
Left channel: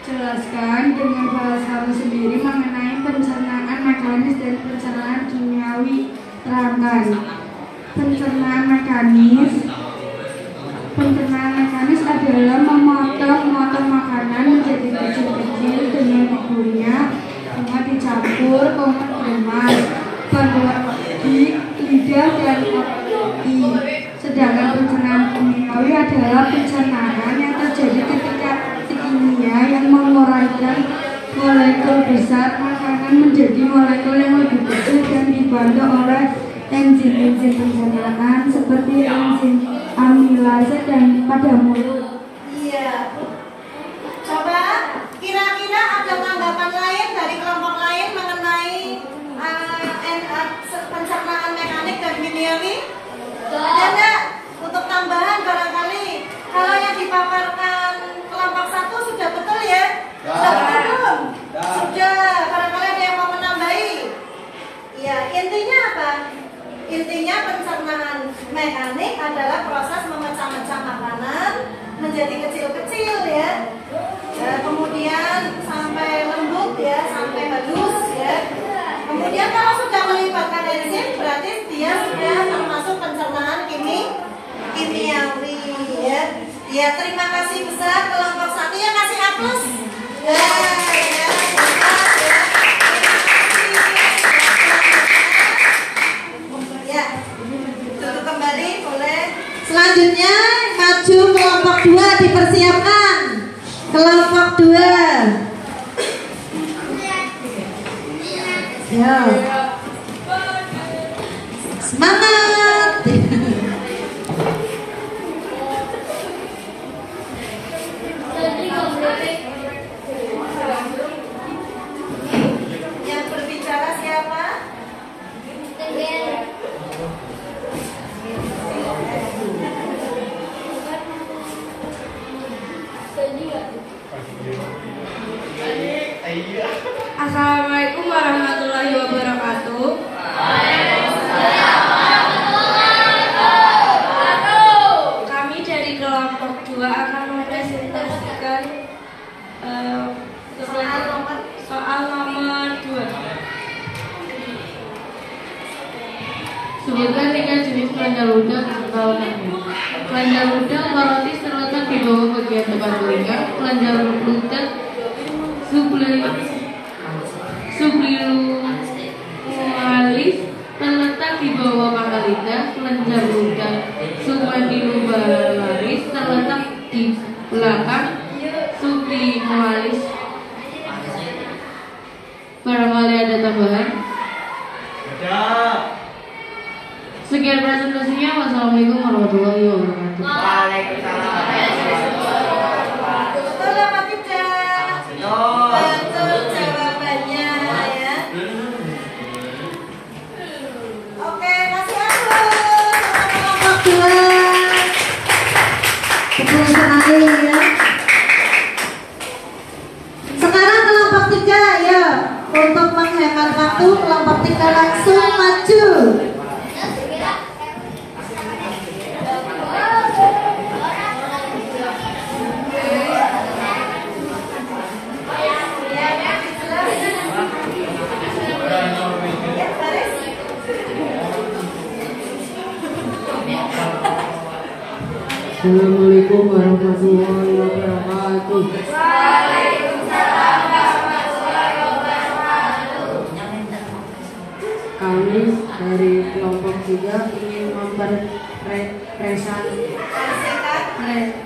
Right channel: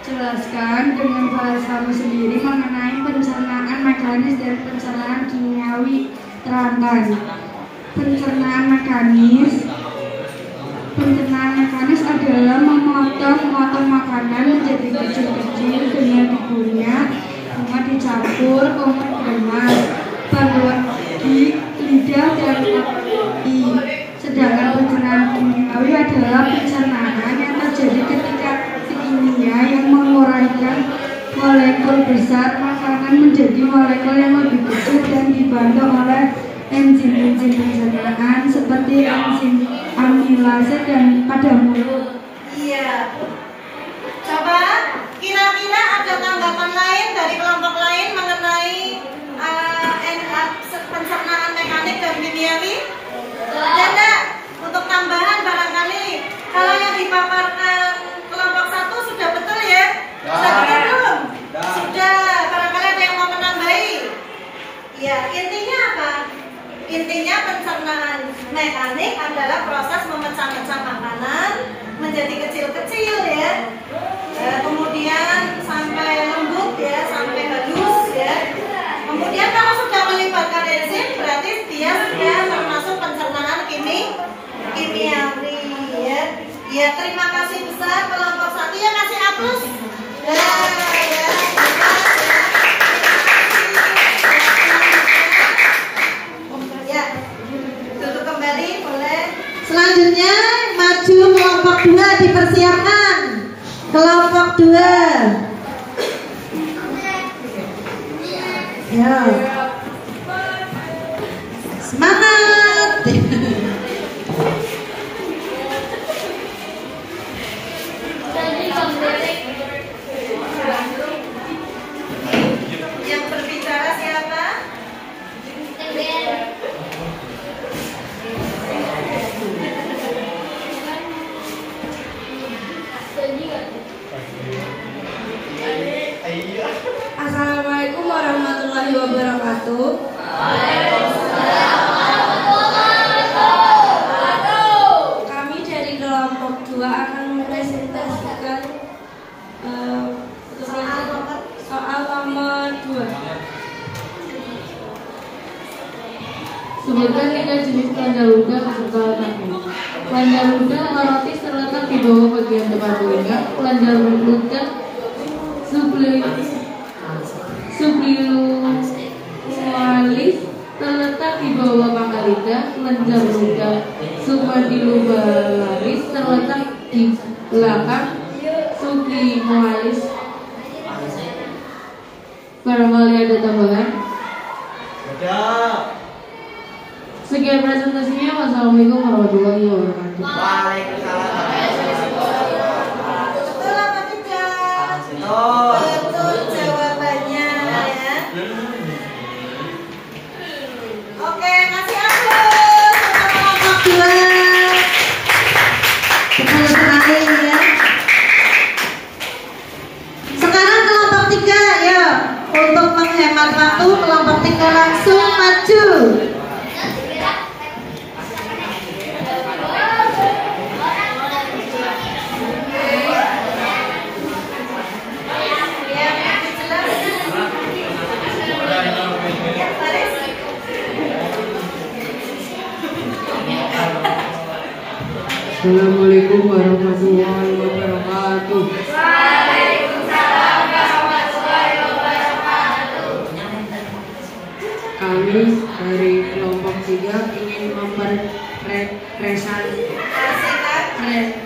Jelaskan dengan bahasamu sendiri mengenai pencernaan mekanis dan pencernaan kimiawi. Terangkan. Pencernaan mekanis adalah memotong makanan menjadi kecil-kecil dengan dikunyah, kemudian dicampur, kemudian bantuan gigi, lidah, dan i. Sedangkan pencernaan kimiawi adalah pencernaan yang terjadi ketika kimia yang menguraikan molekul besar makanan menjadi molekul yang lebih kecil dan dibantu oleh enzim-enzim pencernaan seperti enzim amilase dan pada mulut. Iya. Coba kira-kira ada tanggapan lain dari kelompok lain mengenai pencernaan mekanik dan kimiawi? Ada enggak? Untuk tambahan barangkali kalau yang dipaparkan kelompok 1 sudah betul ya? Sudah betul belum? Sudah. Barangkali ada yang mau menambahi? Iya. Intinya apa? Intinya pencernaan mekanik adalah proses memecah-mecah makanan menjadi kecil-kecil ya. Kemudian sampai lembut ya, sampai halus ya. Kemudian kalau sudah melibatkan enzim berarti dia sudah termasuk pencernaan kimiawi ya. Ya, terima kasih besar kelompok 1 ya, kasih aplaus. Ya, duduk kembali boleh. Selanjutnya maju kelompok 2 dipersiapkan. Kelompok 2. Ya. Semangat. Yang berbicara siapa? Assalamualaikum warahmatullahi wabarakatuh. Kami dari kelompok 2 akan mempresentasikan soal nomor 2. Sebutkan 3 jenis kelenjar ludah beserta letaknya. Kelenjar ludah korotis terletak di bawah bagian depan telinga. Kelenjar ludah subliumalis terletak di bawah pangkal lidah. Kelenjar ludah submandibularis terletak di belakang subliumalis. Barangkali ada tambahan? Ada. Sekian presentasinya. Wassalamualaikum warahmatullahi wabarakatuh. Waalaikumsalam. Betul apa tidak? Betul jawabannya ya. Oke, kasih aplaus kelompok 2. Betul sekali ya. Sekarang kelompok 3 ya. Untuk menghemat waktu kelompok 3 langsung maju. Assalamualaikum warahmatullahi wabarakatuh. Kami dari kelompok 3 ingin mempresentasikan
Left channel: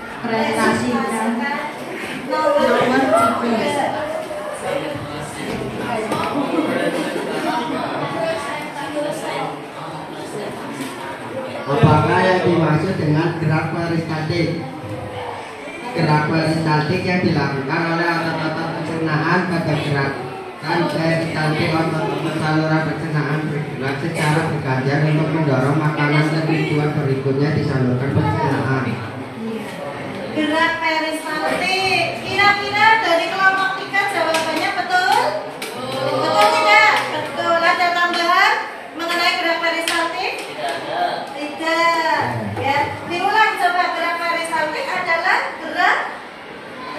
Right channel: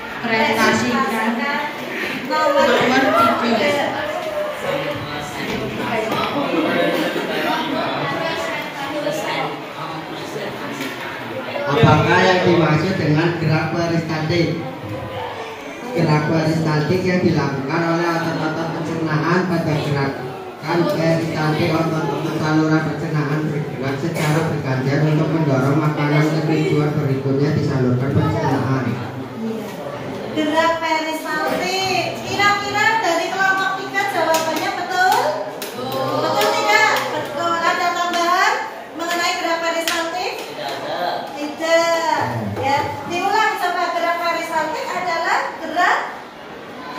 nomor 3. Apakah yang dimaksud dengan gerak peristaltik? Gerak peristaltik yang dilakukan oleh otot-otot pencernaan pada gerakan peristaltik otot-otot saluran pencernaan bergerak secara bergantian untuk mendorong makanan ke tujuan berikutnya disalurkan pencernaan. Gerak peristaltik. Kira-kira dari kelompok 3 jawabannya betul? Betul tidak? Betul. Ada tambahan mengenai gerak peristaltik? Tidak. Ya, diulang coba. Gerak peristaltik adalah gerak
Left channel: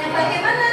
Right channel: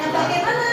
yang bagaimana?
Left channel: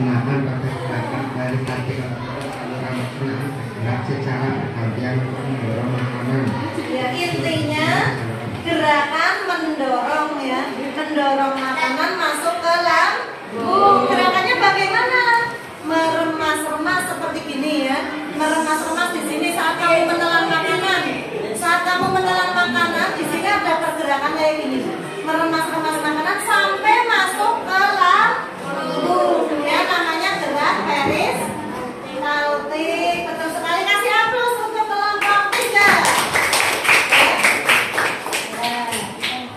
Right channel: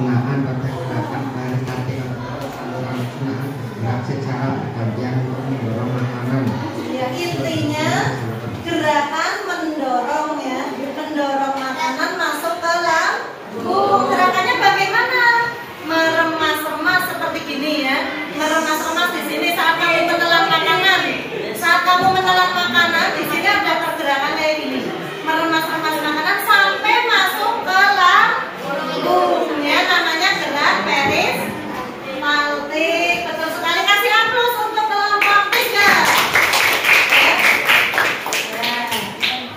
pencernaan pada gerakan peristaltik otot saluran pencernaan bergerak secara bergantian untuk mendorong makanan. Ya, intinya gerakan mendorong ya, mendorong makanan masuk ke lambung. Gerakannya bagaimana? Meremas-remas seperti gini ya. Meremas-remas di sini saat kamu menelan makanan. Saat kamu menelan makanan di sini ada pergerakan kayak gini. Meremas-remas makanan sampai masuk ke lambung. Ya, namanya gerak peristaltik. Betul sekali. Kasih aplaus untuk kelompok 3.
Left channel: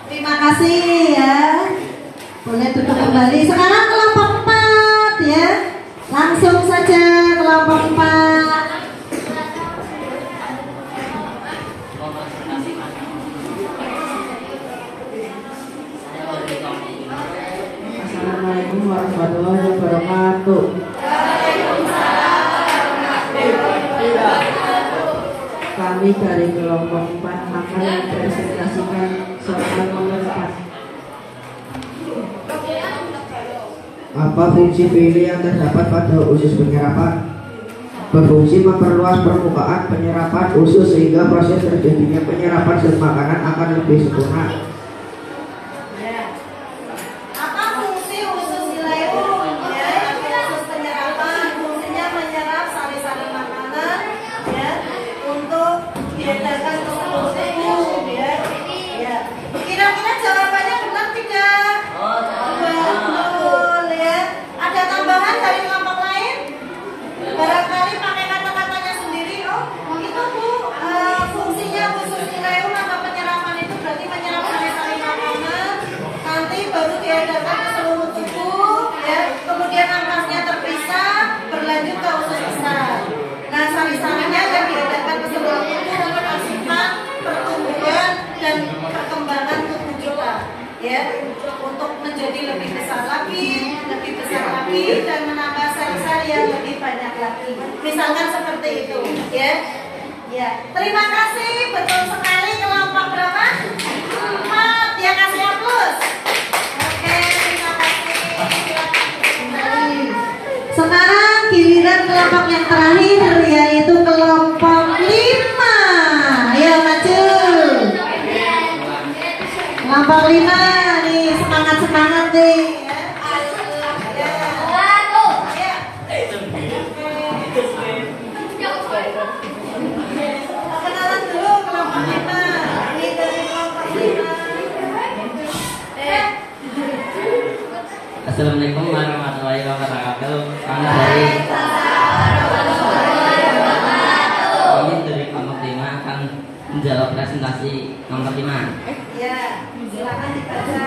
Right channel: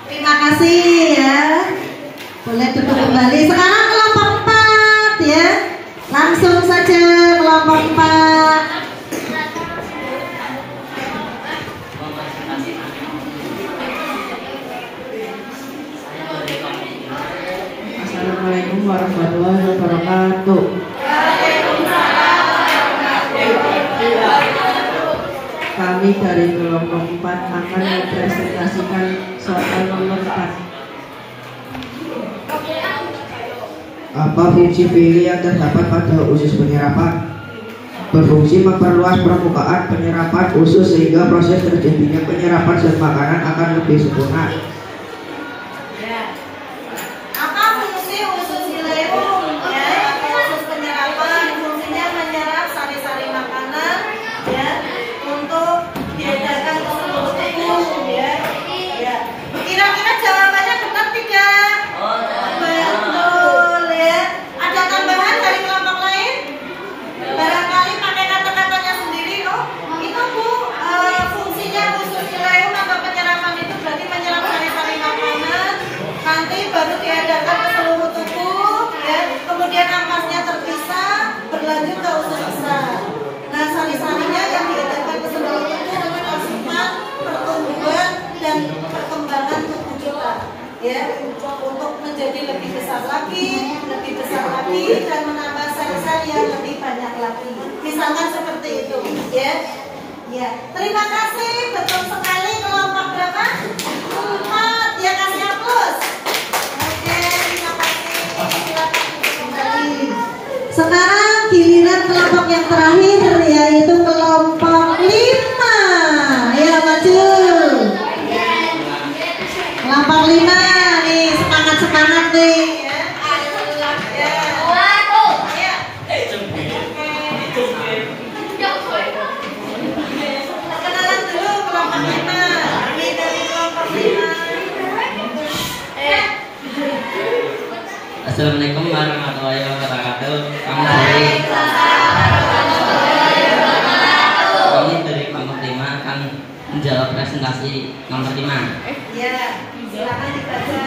Terima kasih ya. Boleh duduk kembali. Sekarang kelompok 4 ya. Langsung saja kelompok 4. Assalamualaikum warahmatullahi wabarakatuh. Kami dari kelompok 4 akan mempresentasikan soal nomor 4. Apa fungsi pili yang terdapat pada usus penyerapan? Berfungsi memperluas permukaan penyerapan usus sehingga proses terjadinya penyerapan zat makanan akan lebih sempurna. Apa fungsi usus ileum? Ya, usus penyerapan fungsinya menyerap sari-sari makanan ya untuk diedarkan ke seluruh tubuh ya. Ya. Kira-kira jawabannya benar tidak? Betul ya. Ada tambahan dari kelompok lain? Barangkali pakai kata-katanya sendiri. Oh, itu Bu, fungsinya usus ileum atau penyerapan itu berarti menyerap sari-sari makanan, nanti baru diedarkan ke seluruh tubuh ya. Kemudian ampasnya terpisah berlanjut ke usus besar. Nah, sari-sarinya yang diedarkan ke seluruh tubuh untuk asupan pertumbuhan dan perkembangan tubuh kita ya, untuk menjadi lebih besar lagi dan menambah sel-sel yang lebih banyak lagi. Misalkan seperti itu ya. Ya, terima kasih, betul sekali. Kelompok berapa? 4. Ya, kasih aplaus. Oke, terima kasih. Silakan kembali. Sekarang giliran kelompok yang terakhir yaitu kelompok 5. Ayo maju. Kelompok 5 nih, semangat nih. Kenalan dulu kelompok 5. Ini dari kelompok 5. Assalamualaikum warahmatullahi wabarakatuh. Kami dari kelompok 5 akan menjawab presentasi nomor 5. Ya, silakan dibaca.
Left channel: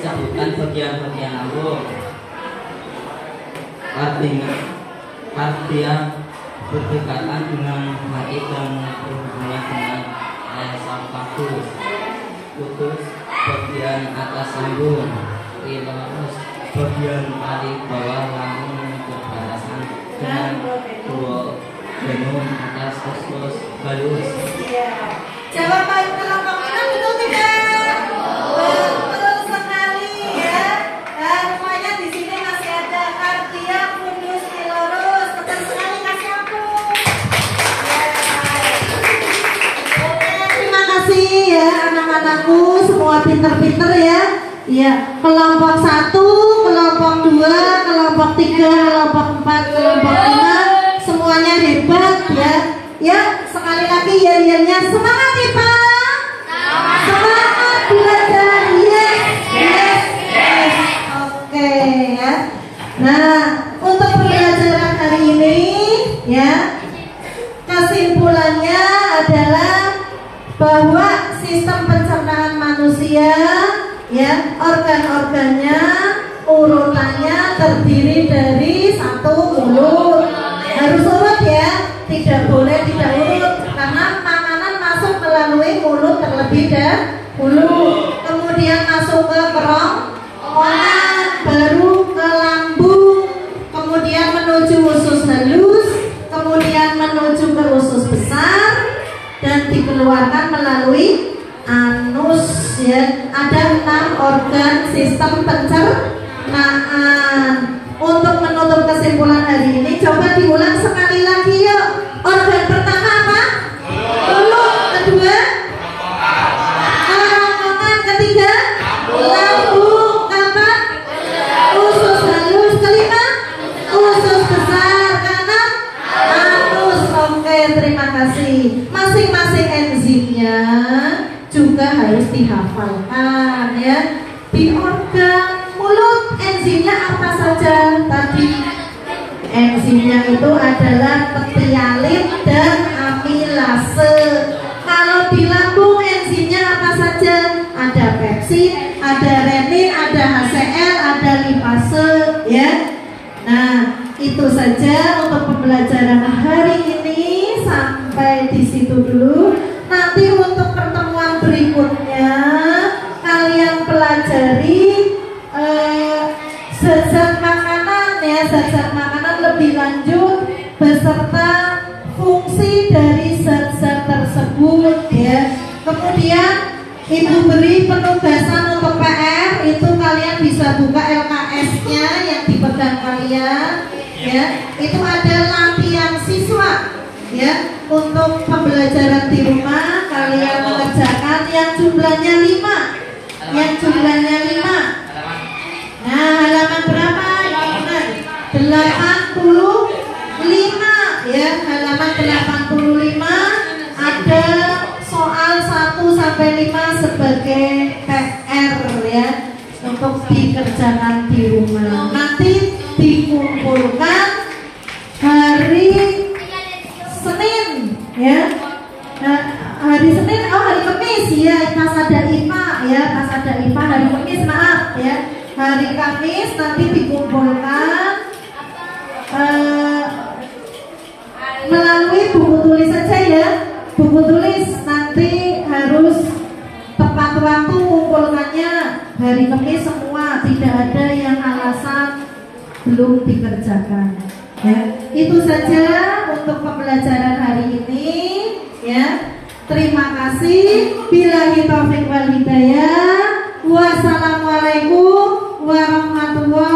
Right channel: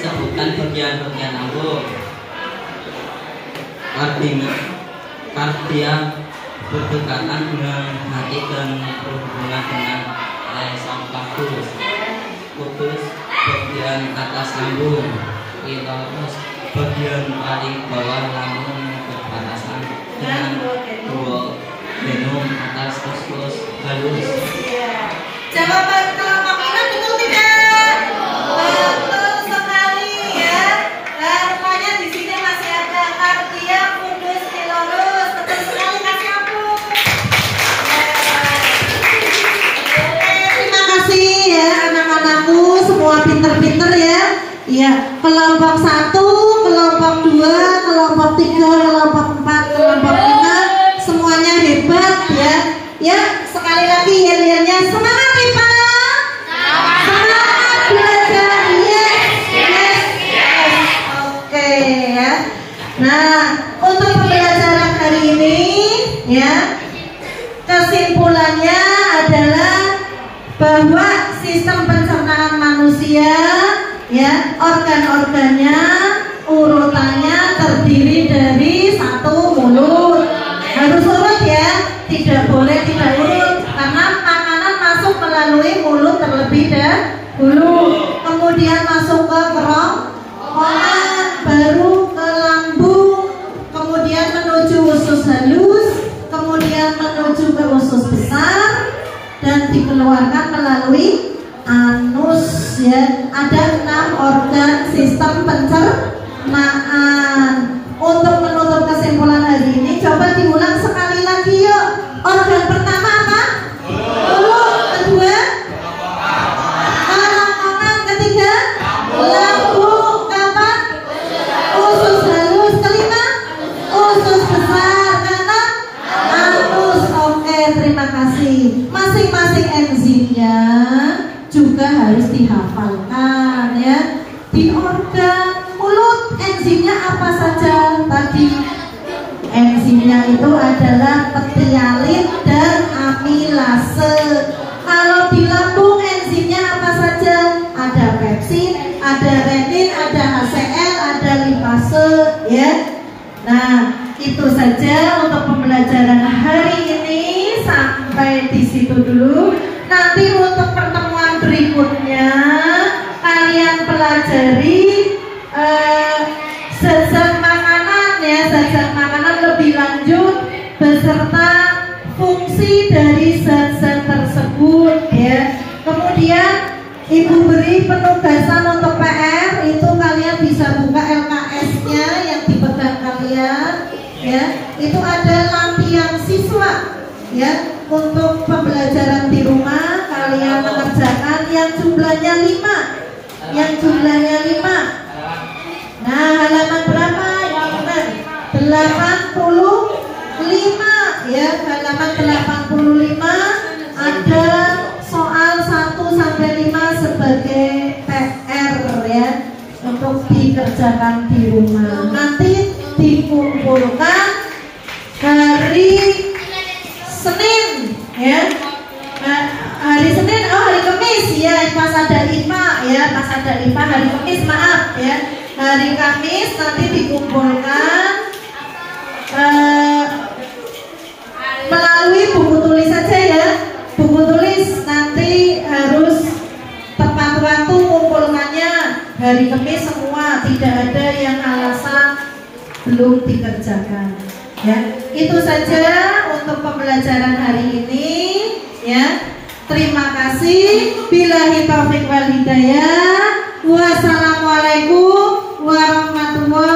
Sebutan bagian-bagian lambung. Kardia berdekatan dengan hati dan berhubungan dengan esophagus. Kudus bagian atas lambung. Ilus bagian paling bawah lambung yang berbatasan dengan duodenum atas usus halus. Jawaban kelompok 5 betul tidak? Betul sekali ya. Nah, rupanya di sini masih ada kardia, fundus, ilurus. Betul sekali, kasih aplaus. Oke, terima kasih ya anak-anakku, semua pinter-pinter ya. Ya, kelompok 1, kelompok 2, kelompok 3, kelompok 4, kelompok 5, semuanya hebat ya. Ya, sekali lagi yel-yelnya semangat IPA. Semangat belajar. Yes. Oke ya. Nah, untuk pembelajaran hari ini ya, kesimpulannya adalah bahwa sistem pencernaan manusia ya, organ-organnya urutannya terdiri dari 1 mulut. Harus urut ya, tidak boleh tidak urut karena makanan masuk melalui mulut terlebih dahulu, kemudian masuk ke kerongkongan, baru ke lambung, kemudian menuju usus halus, kemudian menuju ke usus besar dan dikeluarkan melalui anus ya. Ada 6 organ sistem pencernaan Coba diulang sekali lagi yuk. Organ pertama apa? Mulut. Kedua? Kerongkongan. Ketiga? Lambung. Keempat? Usus halus. Kelima? Usus besar. Keenam? Anus. Oke, terima kasih. Masing-masing enzimnya juga harus dihafalkan ya. Di organ mulut enzimnya apa saja tadi? Enzimnya itu adalah petialin dan amilase. Kalau di lambung enzimnya apa saja? Ada pepsin, ada renin, ada HCl, ada lipase ya. Nah, itu saja untuk pembelajaran hari ini, sampai di situ dulu. Nanti untuk pertemuan berikutnya kalian pelajari zat-zat makanan ya, zat-zat makanan lebih lanjut beserta fungsi dari zat-zat tersebut ya. Kemudian Ibu beri penugasan untuk PR, itu kalian bisa buka LKS-nya yang dipegang kalian ya. Itu ada latihan siswa ya, untuk pembelajaran di rumah kalian mengerjakan yang jumlahnya 5. Yang jumlahnya 5. Nah, halaman berapa? 85 ya, halaman 85 ada soal 1 sampai 5 sebagai PR ya, untuk dikerjakan di rumah. Nanti dikumpulkan hari Senin ya. Hari Senin, hari Kamis ya, pas ada IPA ya, pas ada IPA hari Kamis, maaf ya. Hari Kamis nanti dikumpulkan melalui buku tulis saja ya. Buku tulis nanti harus tepat waktu kumpulkannya hari Kamis semua, tidak ada yang alasan belum dikerjakan ya. Itu saja untuk pembelajaran hari ini ya. Terima kasih. Billahi taufiq wal hidayah. Wassalamualaikum warahmatullahi